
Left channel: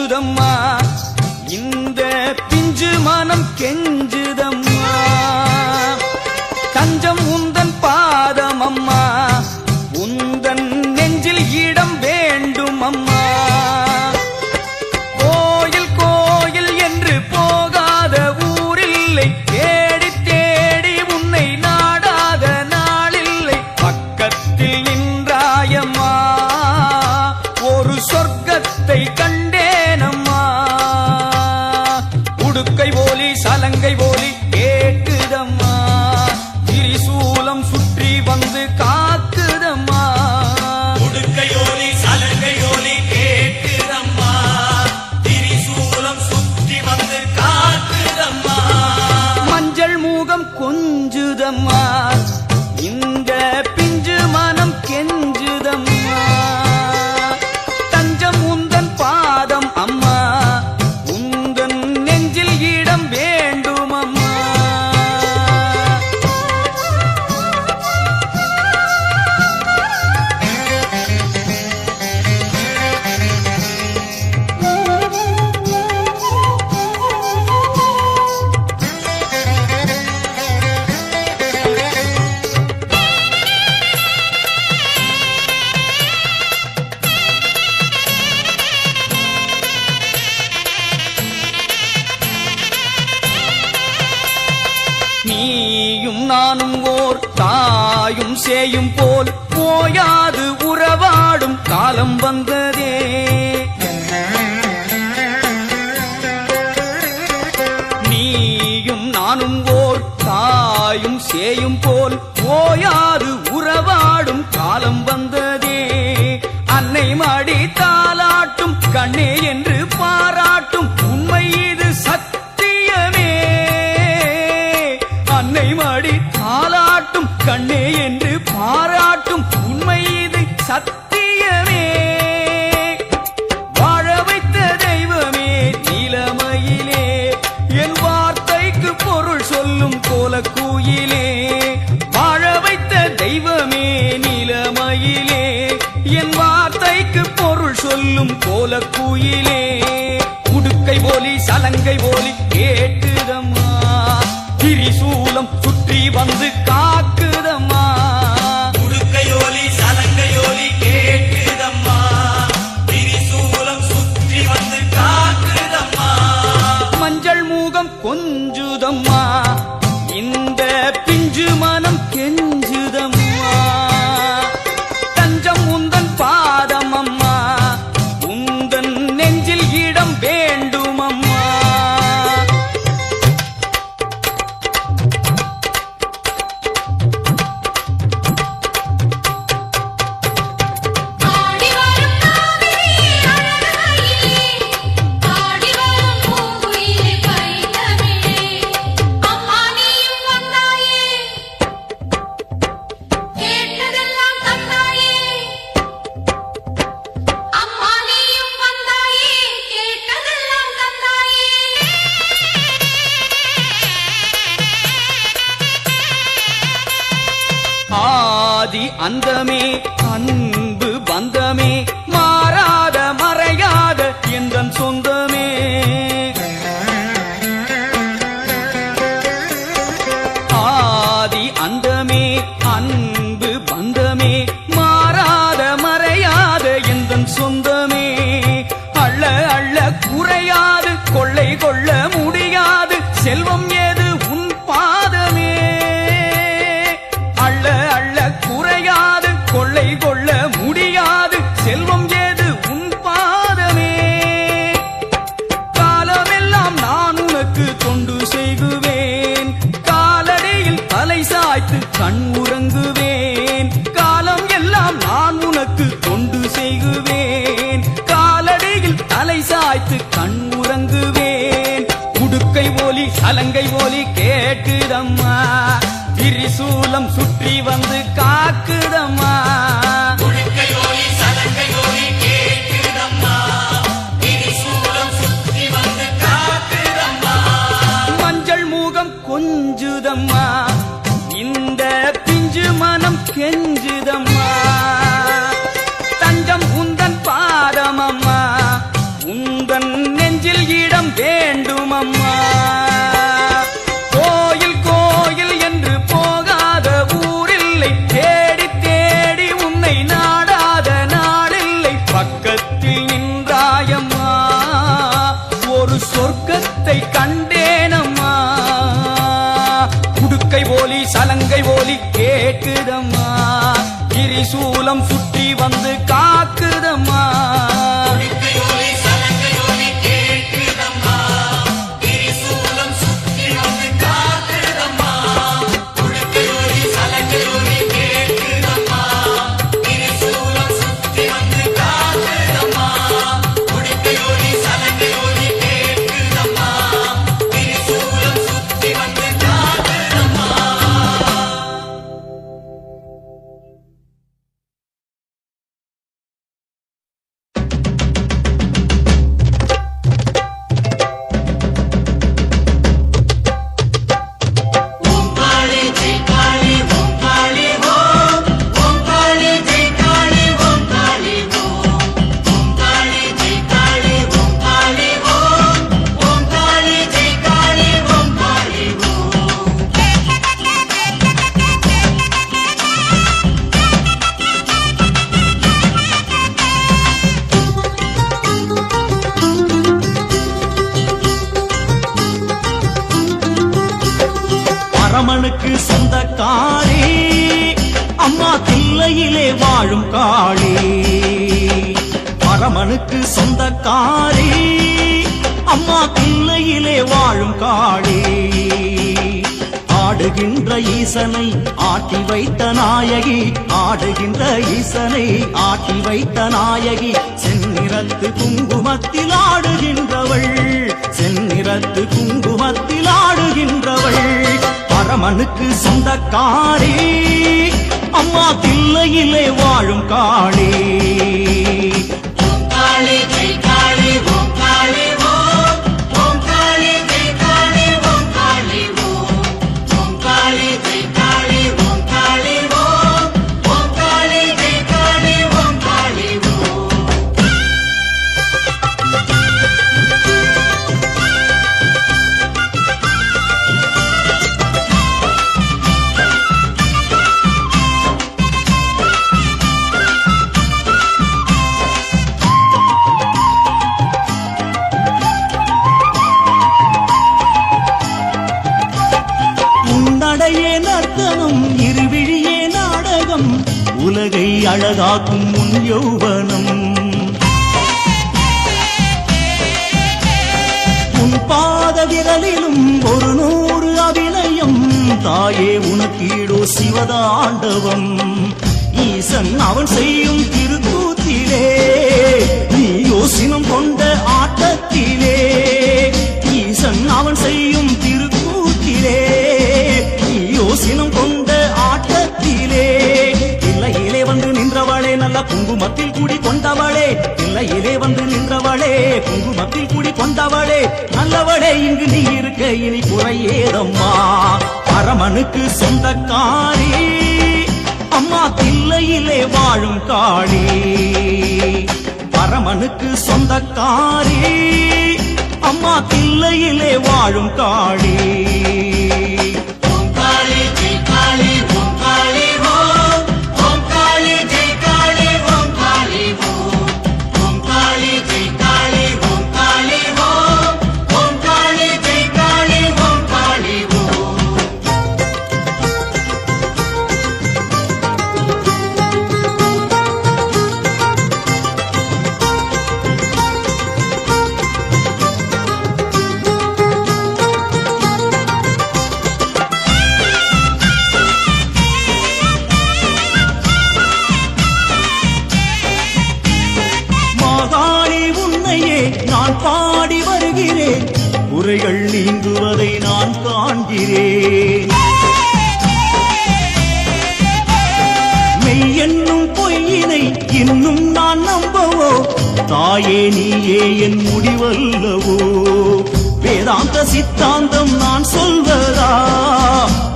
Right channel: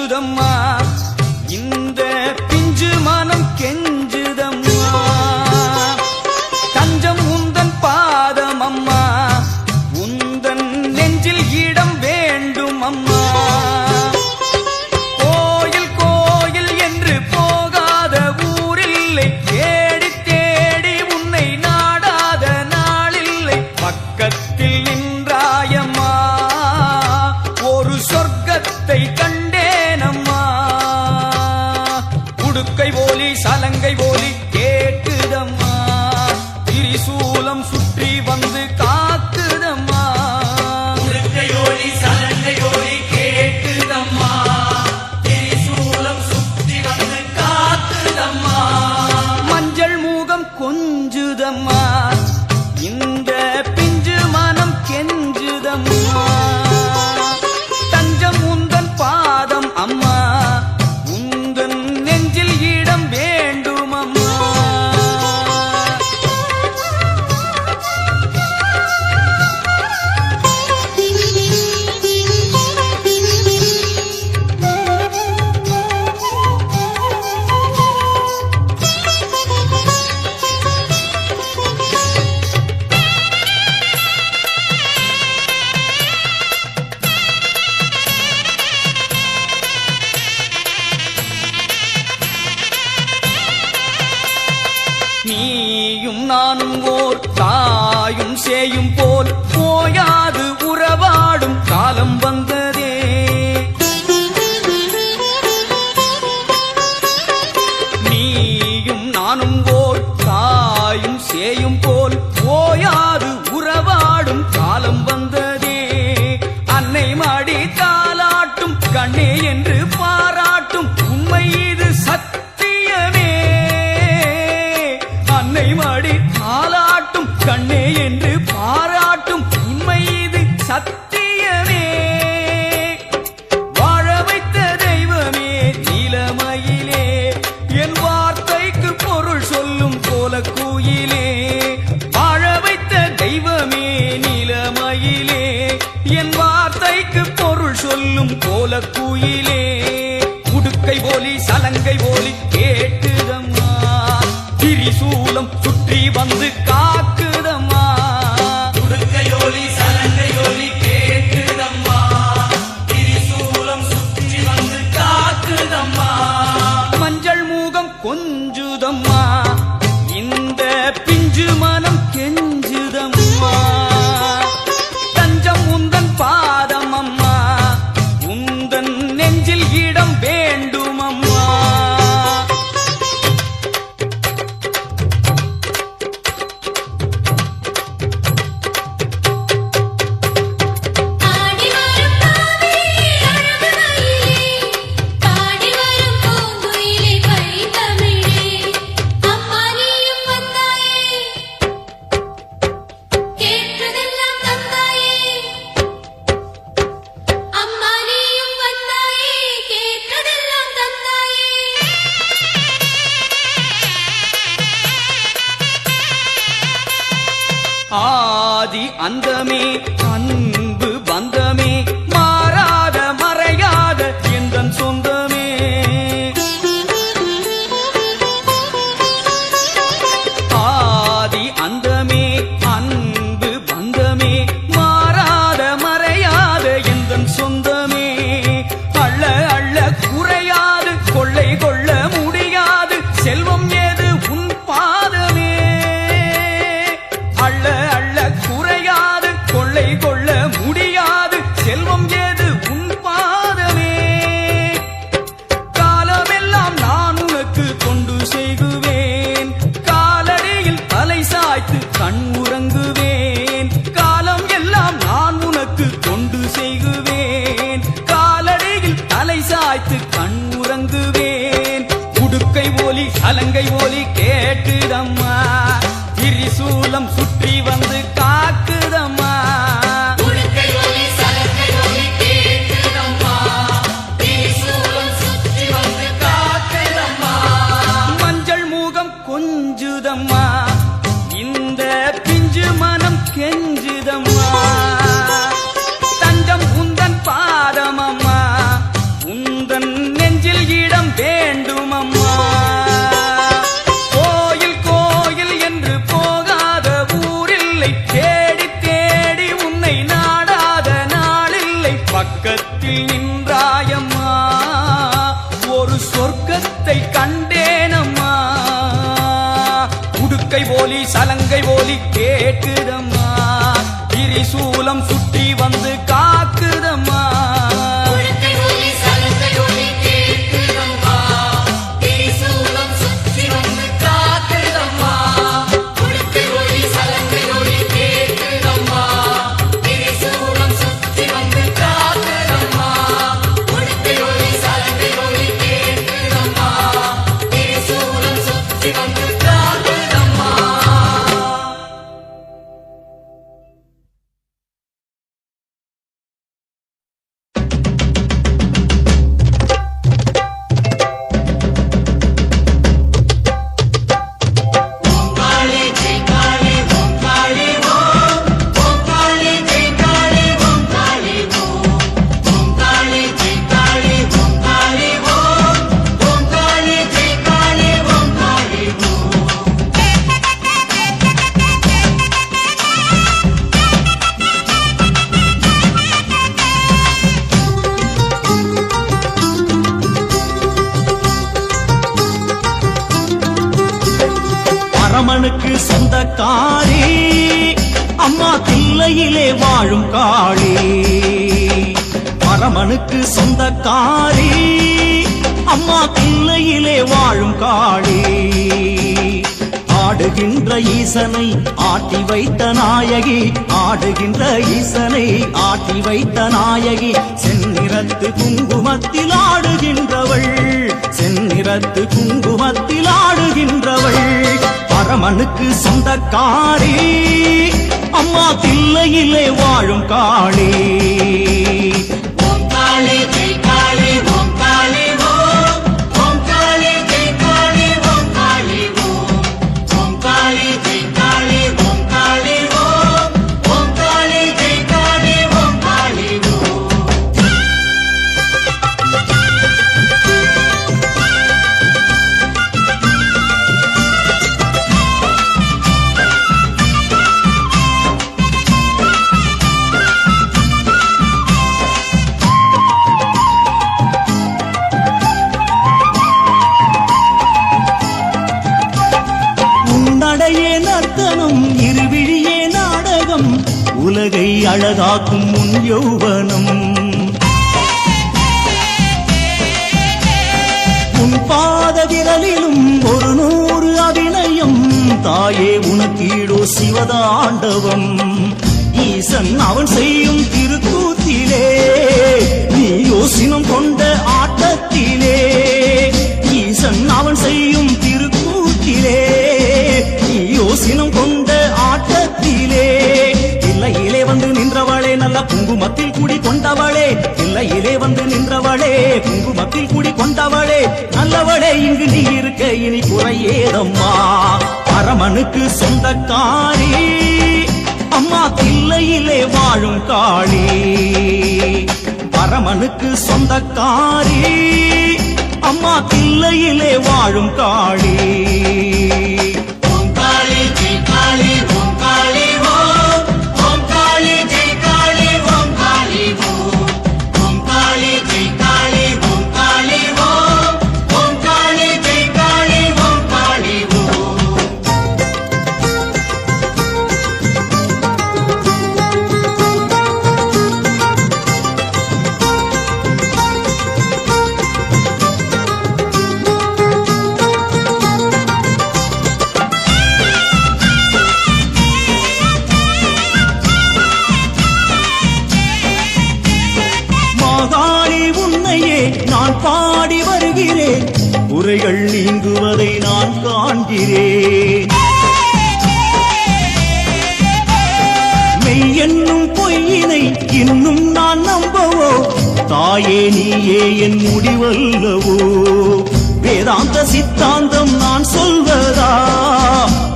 கொஞ்சுதம்மா இந்த பிஞ்சு மனம் கெஞ்சுதம்மா தஞ்சம் உந்தன் பாதம் அம்மா உந்தன் நெஞ்சில் இடம் வேண்டும் அம்மா கோயில் கோயில் என்று போகாத ஊரில்லை தேடி தேடி உன்னை நாடாத நாளில்லை பக்கத்தில் நின்றாயம்மா ஒரு சொர்க்கத்தை கண்டேனம்மா உடுக்கை போலி சலங்கை போலி கேட்டுதம்மா திரிசூலம் சுற்றி வந்து காக்குதம்மா உடுக்கை போலி சலங்கை போலி கேட்டுதம்மா திரிசூலம் சுற்றி வந்து காக்குதம்மா மஞ்சள் மூகம் கொஞ்சுதம்மா இந்த பிஞ்சு மனம் கெஞ்சுதம்மா தஞ்சம் உந்தன் பாதம் அம்மா உந்தன் நெஞ்சில் இடம் வேண்டும் அம்மா நீயும் நானும் ஓர் தாயும் சேயும் போல் போயாது உறவாடும் காலம் வந்ததே நீயும் நானும் ஓர் தாயும் சேயும் போல் போயாது உறவாடும் காலம் வந்ததே அன்னை மாடி தாலாட்டும் கண்ணே என்று பாராட்டும் உண்மை இது சத்தியமே அன்னை மாடி தாலாட்டும் கண்ணே என்று பாராட்டும் உண்மை இது சத்தியமே வாழ வைத்த தெய்வமே நிலமையிலே என் வார்த்தைக்கு பொருள் சொல்லும் கோலக்குயிலே வாழ வைத்த தெய்வமே நிலமையிலே என் வார்த்தைக்கு பொருள் சொல்லும் கோலக்குயிலே உடுக்கை போலி சலங்கை போலி கேட்டுதம்மா திரிசூலம் சுற்றி வந்து காக்குதம்மா உடுக்கையோலி சலங்கையோலி கேட்டுதம்மா திரிசூலம் சுற்றி வந்து காக்குதம்மா மஞ்சள் மூகம் கொஞ்சுதம்மா இந்த பிஞ்சு மனம் கெஞ்சுதம்மா தஞ்சம் உந்தன் பாதம் அம்மா உந்தன் நெஞ்சில் இடம் வேண்டும் அம்மா ஆதி அந்தமே அன்பு பந்தமே மாறாத மறையாத எந்தன் சொந்தமே ஆதி அந்தமே அன்பு பந்தமே மாறாத மறையாத எந்தன் சொந்தமே அள்ள அள்ள குறையாது கொள்ளை கொள்ள முடியாது செல்வம் ஏது உன் பாதமே அள்ள அள்ள குறையாது கொள்ளை கொள்ள முடியாது செல்வம் ஏது உன் பாதமே காலமெல்லாம் நான் உனக்கு தொண்டு செய்குவேன் காலடியில் தலை சாய்த்து கண் உறங்குவேன் காலம் எல்லாம் நான் உனக்கு தொண்டு செய்குவேன் காலடியில் தலை சாய்த்து கண் உறங்குவேன் உடுக்கை ஓலி சலங்கை ஓலி கேட்டுதம்மா திரிசூலம் சுற்றி வந்து காக்குதம்மா மஞ்சள் மூகம் கொஞ்சுதம்மா இந்த பிஞ்சு மனம் கெஞ்சுதம்மா தஞ்சம் உந்தன் பாதம் அம்மா உந்த உந்தன் நெஞ்சில் இடம் வேண்டும் அம்மா. கோயில் கோயில் என்று போகாத ஊரில்லை, தேடி தேடி உன்னை நாடாத நாளில்லை. பக்கத்தில் நின்றாயம்மா, ஒரு சொர்க்கத்தை கண்டேனம்மா. உடுக்கை போலி சலங்கை போலி கேட்குதம்மா, திரிசூலம் சுற்றி வந்து காக்குதம்மா. பரமனுக்கு சொந்தக்காரி அம்மா தில்லையிலே வாழும் காளி. பரமனுக்கு சொந்தக்காரி அம்மா தில்லையிலே வாழும் காளி. ஆடுகின்ற ஈசனை ஆட்டி வைத்த நாயகி, ஆடுகின்ற ஈசனை ஆட்டி வைத்த நாயகி. செந்நிறத்து குங்குமத்தில் ஆடுகின்றவள், செந்நிறத்து குங்குமத்தில் ஆடுகின்றவள். பரமனுக்கு சொந்தக்காரி அம்மா தில்லையிலே வாழும் காளி. ஓம் காளி ஜெய் காளி ஓம் காளி ஓம். ஓம் காளி ஜெய் காளி ஓம் காளி ஓம். ஓம் காளி ஜெய் காளி ஓம் காளி ஓம். ஓம் காளி ஜெய் காளி ஓம் காளி ஓம். உன்னடையே நர்த்தனம் இருவிழியே நாடகம், உலகை அழகாக்கும் உன் யௌவனம். உன் பாத விரலிலும் ஒரு 100 அபிநயம், தாயே உனக்கீடோ சிவதாண்டவம். ஈசன் அவன் செய்யும் திருக்கூத்திலே, நீ யோசினம் கொண்ட ஆட்டத்திலே. ஈசன் அவன் செய்யும் திருக்கூத்திலே, நீ யோசினம் கொண்ட ஆட்டத்திலே. தில்லையிலே வந்து நின்றவளே, நல்ல குங்குமத்தில் கூடி கொண்டவளே. தில்லையிலே வந்து நின்றவளே, குங்குமத்தில் கூடி கொண்டவளே. நல்லவளே, இங்கு நீ இருக்க இனி குறையேதம்மா. பரமனுக்கு சொந்தக்காரி அம்மா தில்லையிலே வாழும் காளி. பரமனுக்கு சொந்தக்காரி அம்மா தில்லையிலே வாழும் காளி. ஓம் காளி ஜெய் காளி ஓம் காளி ஓம். ஓம் காளி ஜெய் காளி ஓம் காளி ஓம். ஓம் காளி ஜெய் காளி ஓம் காளி ஓம். ஓம் காளி ஜெய் காளி ஓம் காளி ஓம். நான் பாடி வருகிறேன், குறைகள் நீங்குவதை நான் காண்கிறேன். மெய் என்னும் பொய்யினை இன்னும் நான் நம்பவோ, தாயே நீயே என் முடிவல்லவோ. வேதாந்த சித்தாந்தம் நான் சொல்வதா,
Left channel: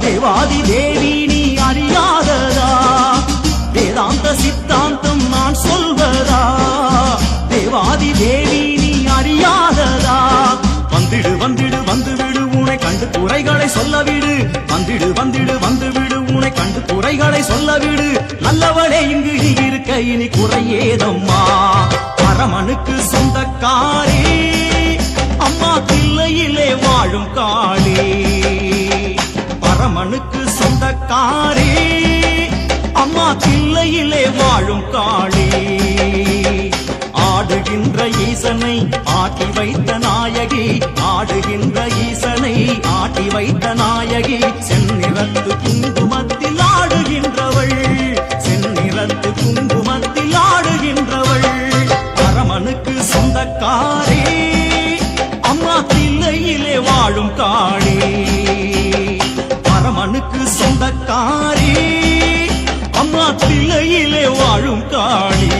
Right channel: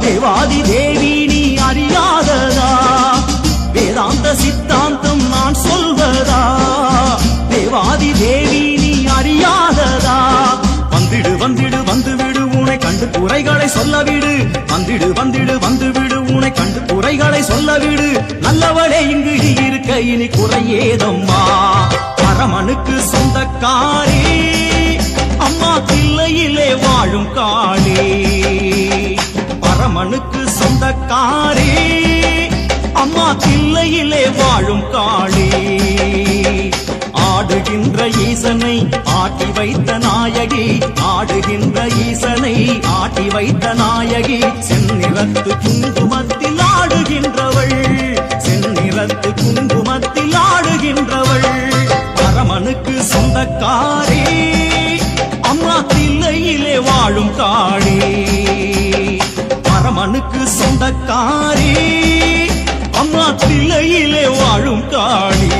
தேவாதி தேவி நீ அறியாததா. வேதாந்த சித்தாந்தம் நான் சொல்வதா, தேவாதி தேவி நீ அறியா கண்டு குறைகளை சொல்ல விடு. வந்திடு வந்திடு வந்து விடு, உன்னை கண்டு குறைகளை சொல்ல விடு. நல்லவளே இங்கு நீ இருக்க இனி குறையேதம்மா. பரமனுக்கு சொந்தக்காரி அம்மா தில்லையிலே வாழும் காளி. பரமனுக்கு சொந்தக்காரி அம்மா தில்லையிலே வாழும் காளி. ஆடுகின்ற ஈசனை ஆட்டி வைத்த நாயகி, ஆடுகின்ற ஈசனை ஆட்டி வைத்த நாயகி. செந்நிறத்து குங்குமத்தில் ஆடுகின்றவள், செந்நிறத்து குங்குமத்தில் ஆடுகின்றவள். பரமனுக்கு சொந்தக்காரி அம்மா தில்லையிலே வாழும் காளி. பரமனுக்கு சொந்தக்காரி அம்மா தில்லையிலே வாழும் காளி.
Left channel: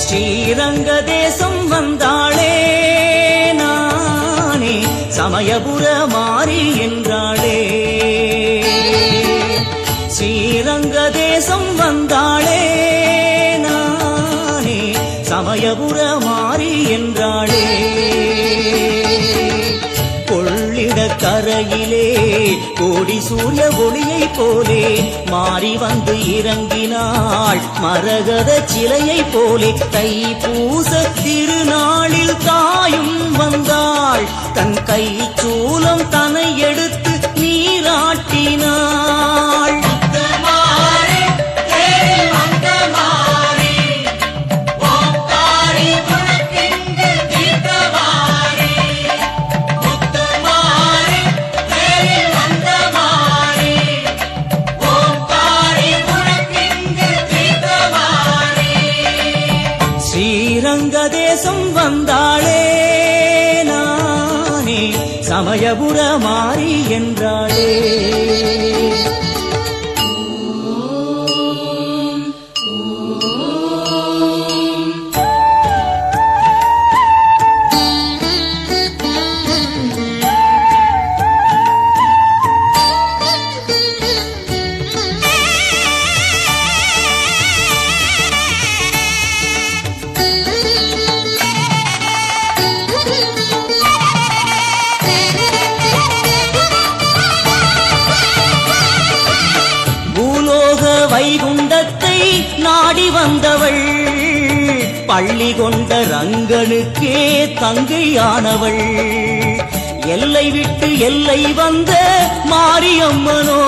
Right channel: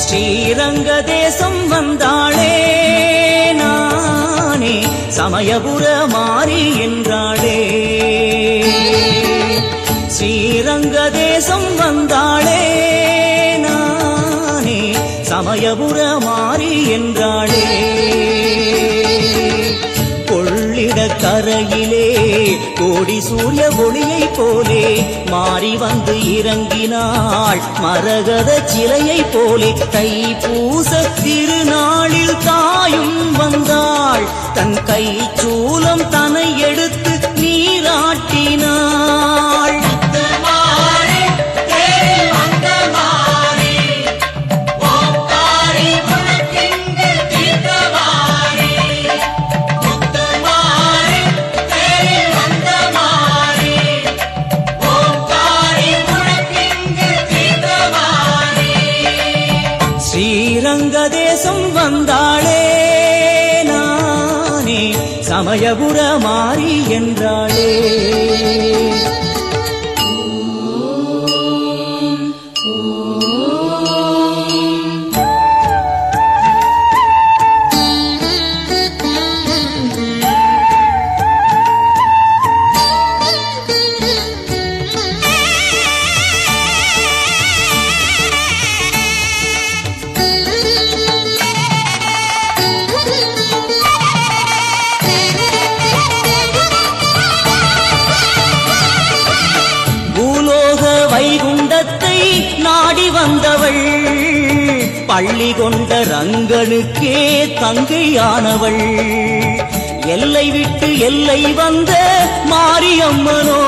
ஸ்ரீரங்க தேசம் வந்தாளே நானே, சமயபுர மாறி என்றாளே. ஸ்ரீரங்க தேசம் வந்தாளே நானே, சமயபுர மாறி என்றாளே. கொள்ளிட கரையிலே கோடி சூரிய ஒளியை போலே மாறி வந்து இறங்கினாள் மரகத சிலையை போலே. தைப்பூச திருநாளில் தாயும் வந்தாள், தன் கை சூலம் தனை எடுத்து நீராட்டினாள். ஸ்ரீரங்க தேசம் வந்தாளே நானே, சமயபுர மாறி என்றாளே. வைகுண்டத்தை நாடி வந்தவள், பள்ளி கொண்ட ரங்கனுக்கே தங்கையானவள். எல்லை விட்டு எல்லை வந்த மாரியம்மனோ,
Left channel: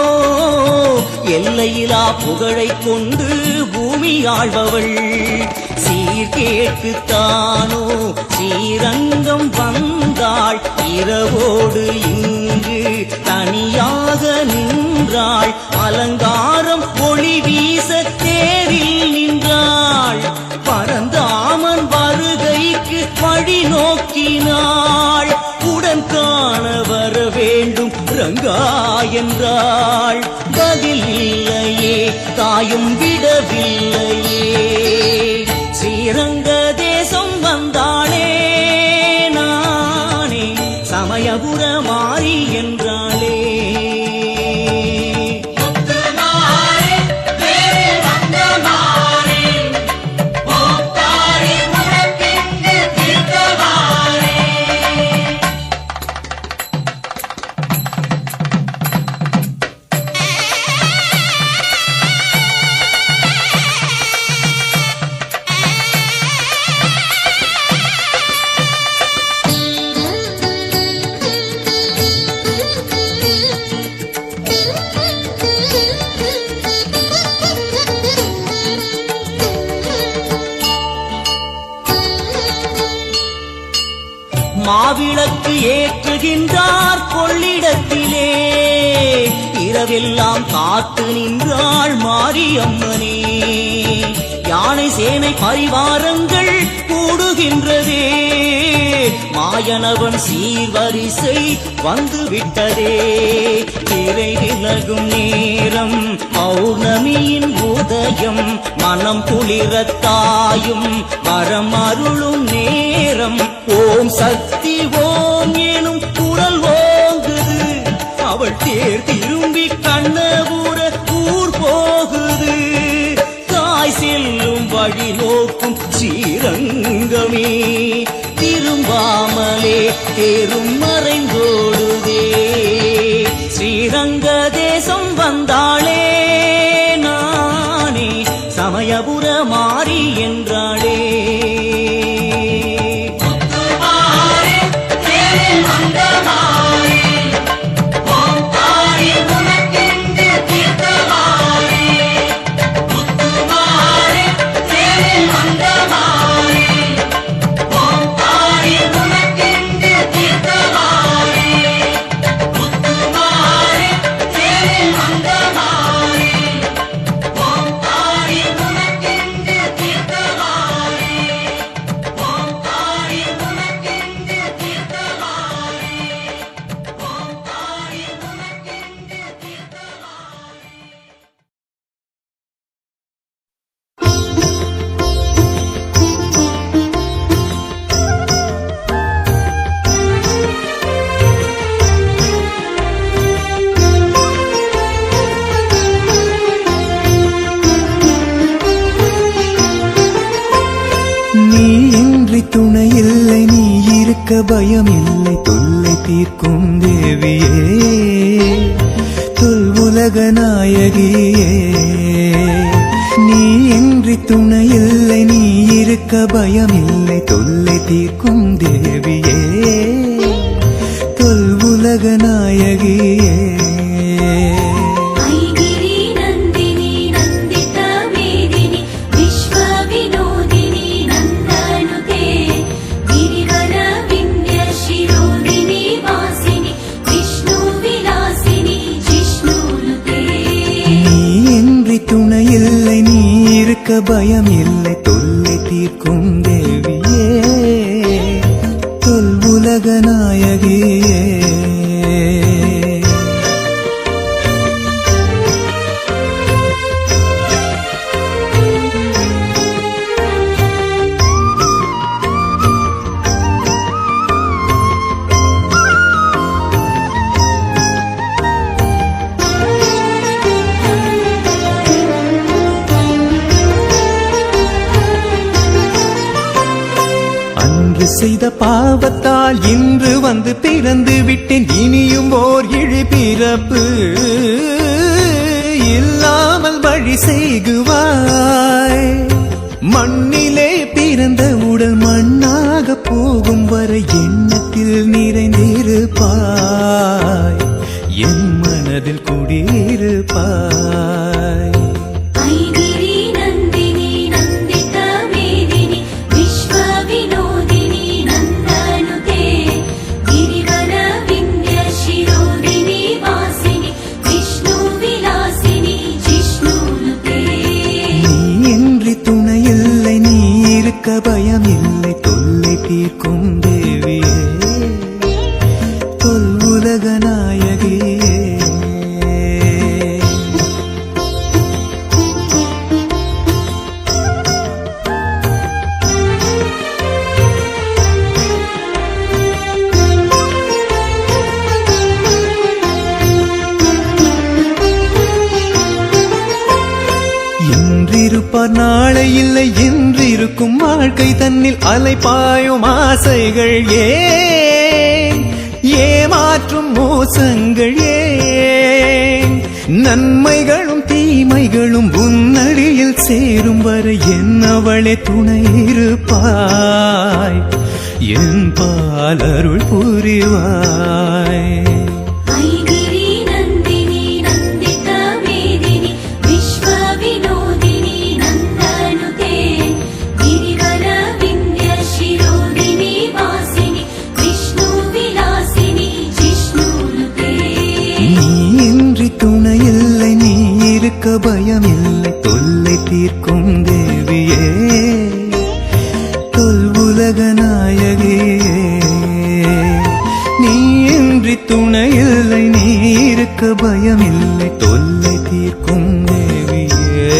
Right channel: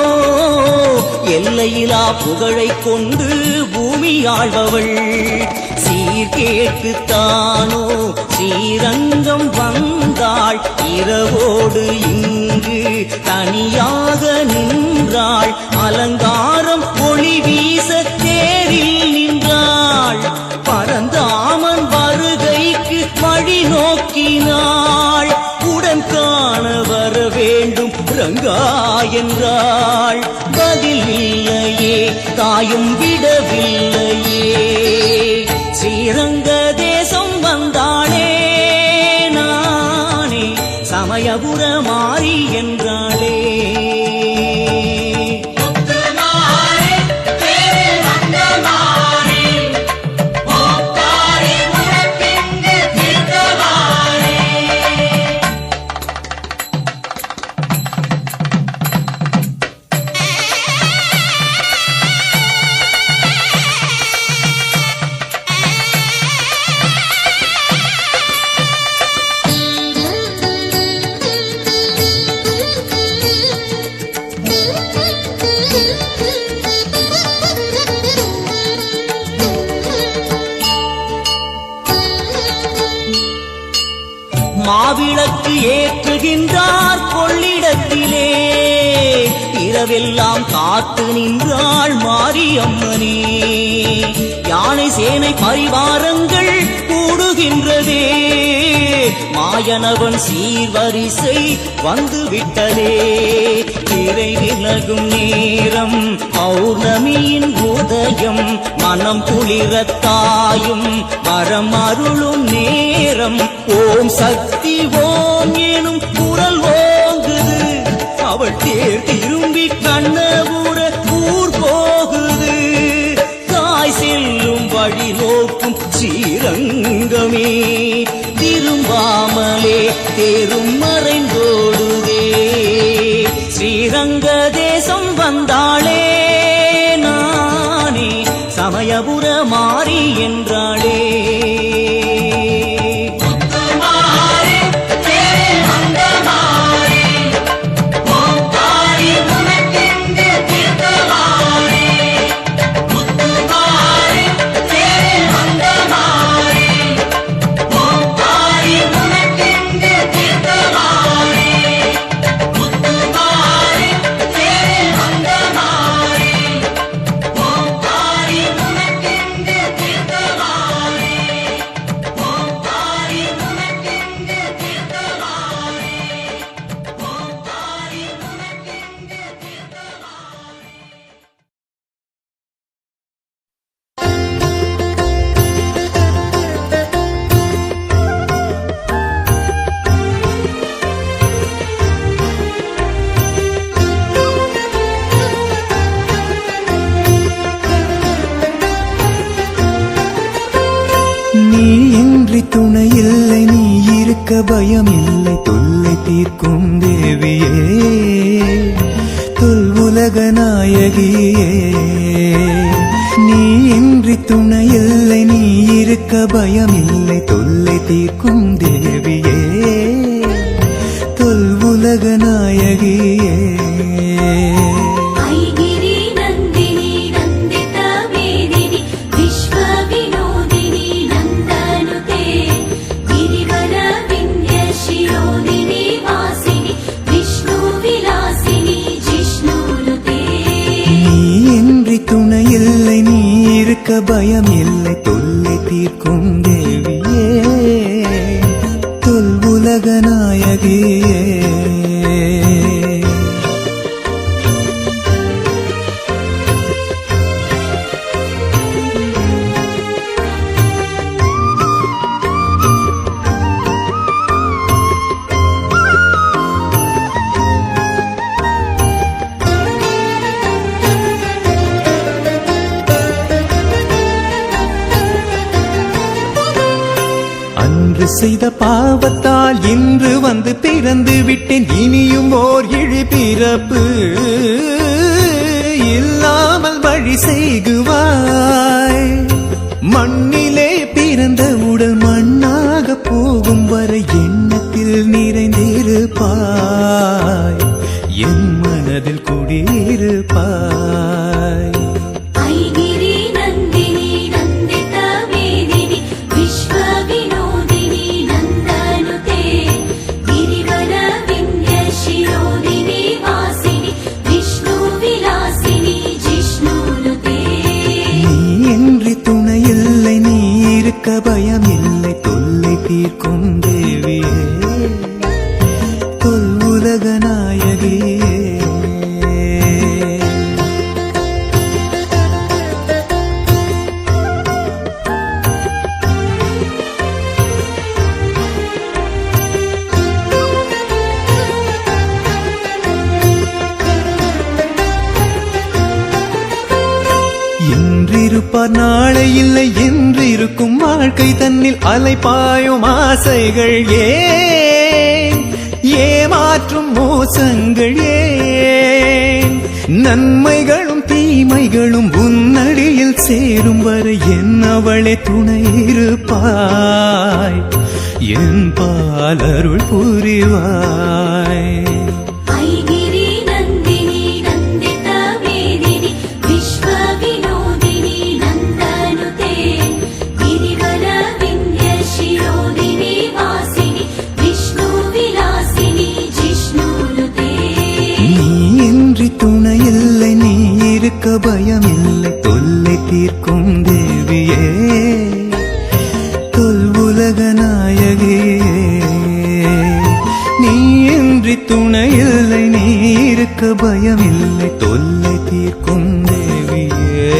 எல்லையிலா புகழை கொண்டு பூமி ஆழ்பவள். சீர்கேட்டுத்தானோ ஸ்ரீரங்கம் வந்தாள், இரவோடு இங்கு தனியாக நின்றாள். அலங்காரம் ஒளி வீச தேரில் நின்றாள், பரந்தாமன் வருகைக்கு வழி நோக்கினாள். உடன் காண வர வேண்டும் ரங்கா என்றாள். பதில் இல்லையே, தாயும் விடவில்லையே. ஸ்ரீரங்க தேசம் வந்தாளே நானே, சமயபுர மாறி என்றாளே. மாவிளக்கு ஏற்றுகின்றார் கொள்ளிடத்திலே இரவெல்லாம் காத்து நின்றாள் மாரியம்மனே யானை சேனை பரிவாரங்கள் கூடுகின்றதே மாயனவன் சீர்வரிசை வந்து விட்டதே திரை விலகும் நேரம் பௌர்ணமியின் உதயம் மனம் குளிரத்தாயும் வரம் அருளும் நேரம் ஓம் சக்தி ஓம் எனும் குரல் ஓங்குது அவள் தேர் திரும்பி கண்ணபுர ஊர் போகுது தாய் செல்லும் வழி நோக்கும் ஸ்ரீரங்கமே திரும்பாமலே தேரும் மறைந்தோடுதே ஸ்ரீரங்க தேசம் வந்தாளே நானே சமயபுர மாறி என்றாளே நீ இன்றி துணை இல்லை நீ இருக்க பயம் இல்லை தொல்லை தீர்க்கும் தேவியே தொல் உலக நாயகியே நீ இன்றி துணை இல்லை நீ இருக்க பயம் இல்லை தொல்லை தீர்க்கும் தேவியே தொல் உலக நாயகியே துணை இல்லை நீ இருக்க பயம் இல்லை தொல்லை தீர்க்கும் தேவியே தொல் உலக நாயகியே அன்று செய்த பாவத்தால் இன்று வந்து பிறந்து விட்டேன் இனியும் ஓர் இழி பிறப்பு இல்லாமல் வழி செய்குவாய் மண்ணிலே பிறந்த உடல் மண்ணாக போகும் வரை எண்ணத்தில் நிறைந்திருப்பாய் என் மனதில் குடியிருப்பாய் பயம் இல்லை தொல்லை தீர்க்கும் தேவியே தொல் உலக நாயகியே இன்றிருப்பார் நாளை இல்லை என்றிருக்கும் வாழ்க்கை தன்னில் அலைபாயும் ஆசைகள் ஏன் ஏமாற்றும் மோசங்கள் ஏன் நன்மைகளும் தீமைகளும் உன்னடியில் சேரும் வரை என்னவளே துணை இருப்பாய் என் பாலருள் புரிவாய் விஷ்ணு தேவியே தொல்வுலக நாயகே நீ இன்றி துணையில்லை நீ இருக்க பயமில்லை தொல்லை தீர்க்கும் தேவியே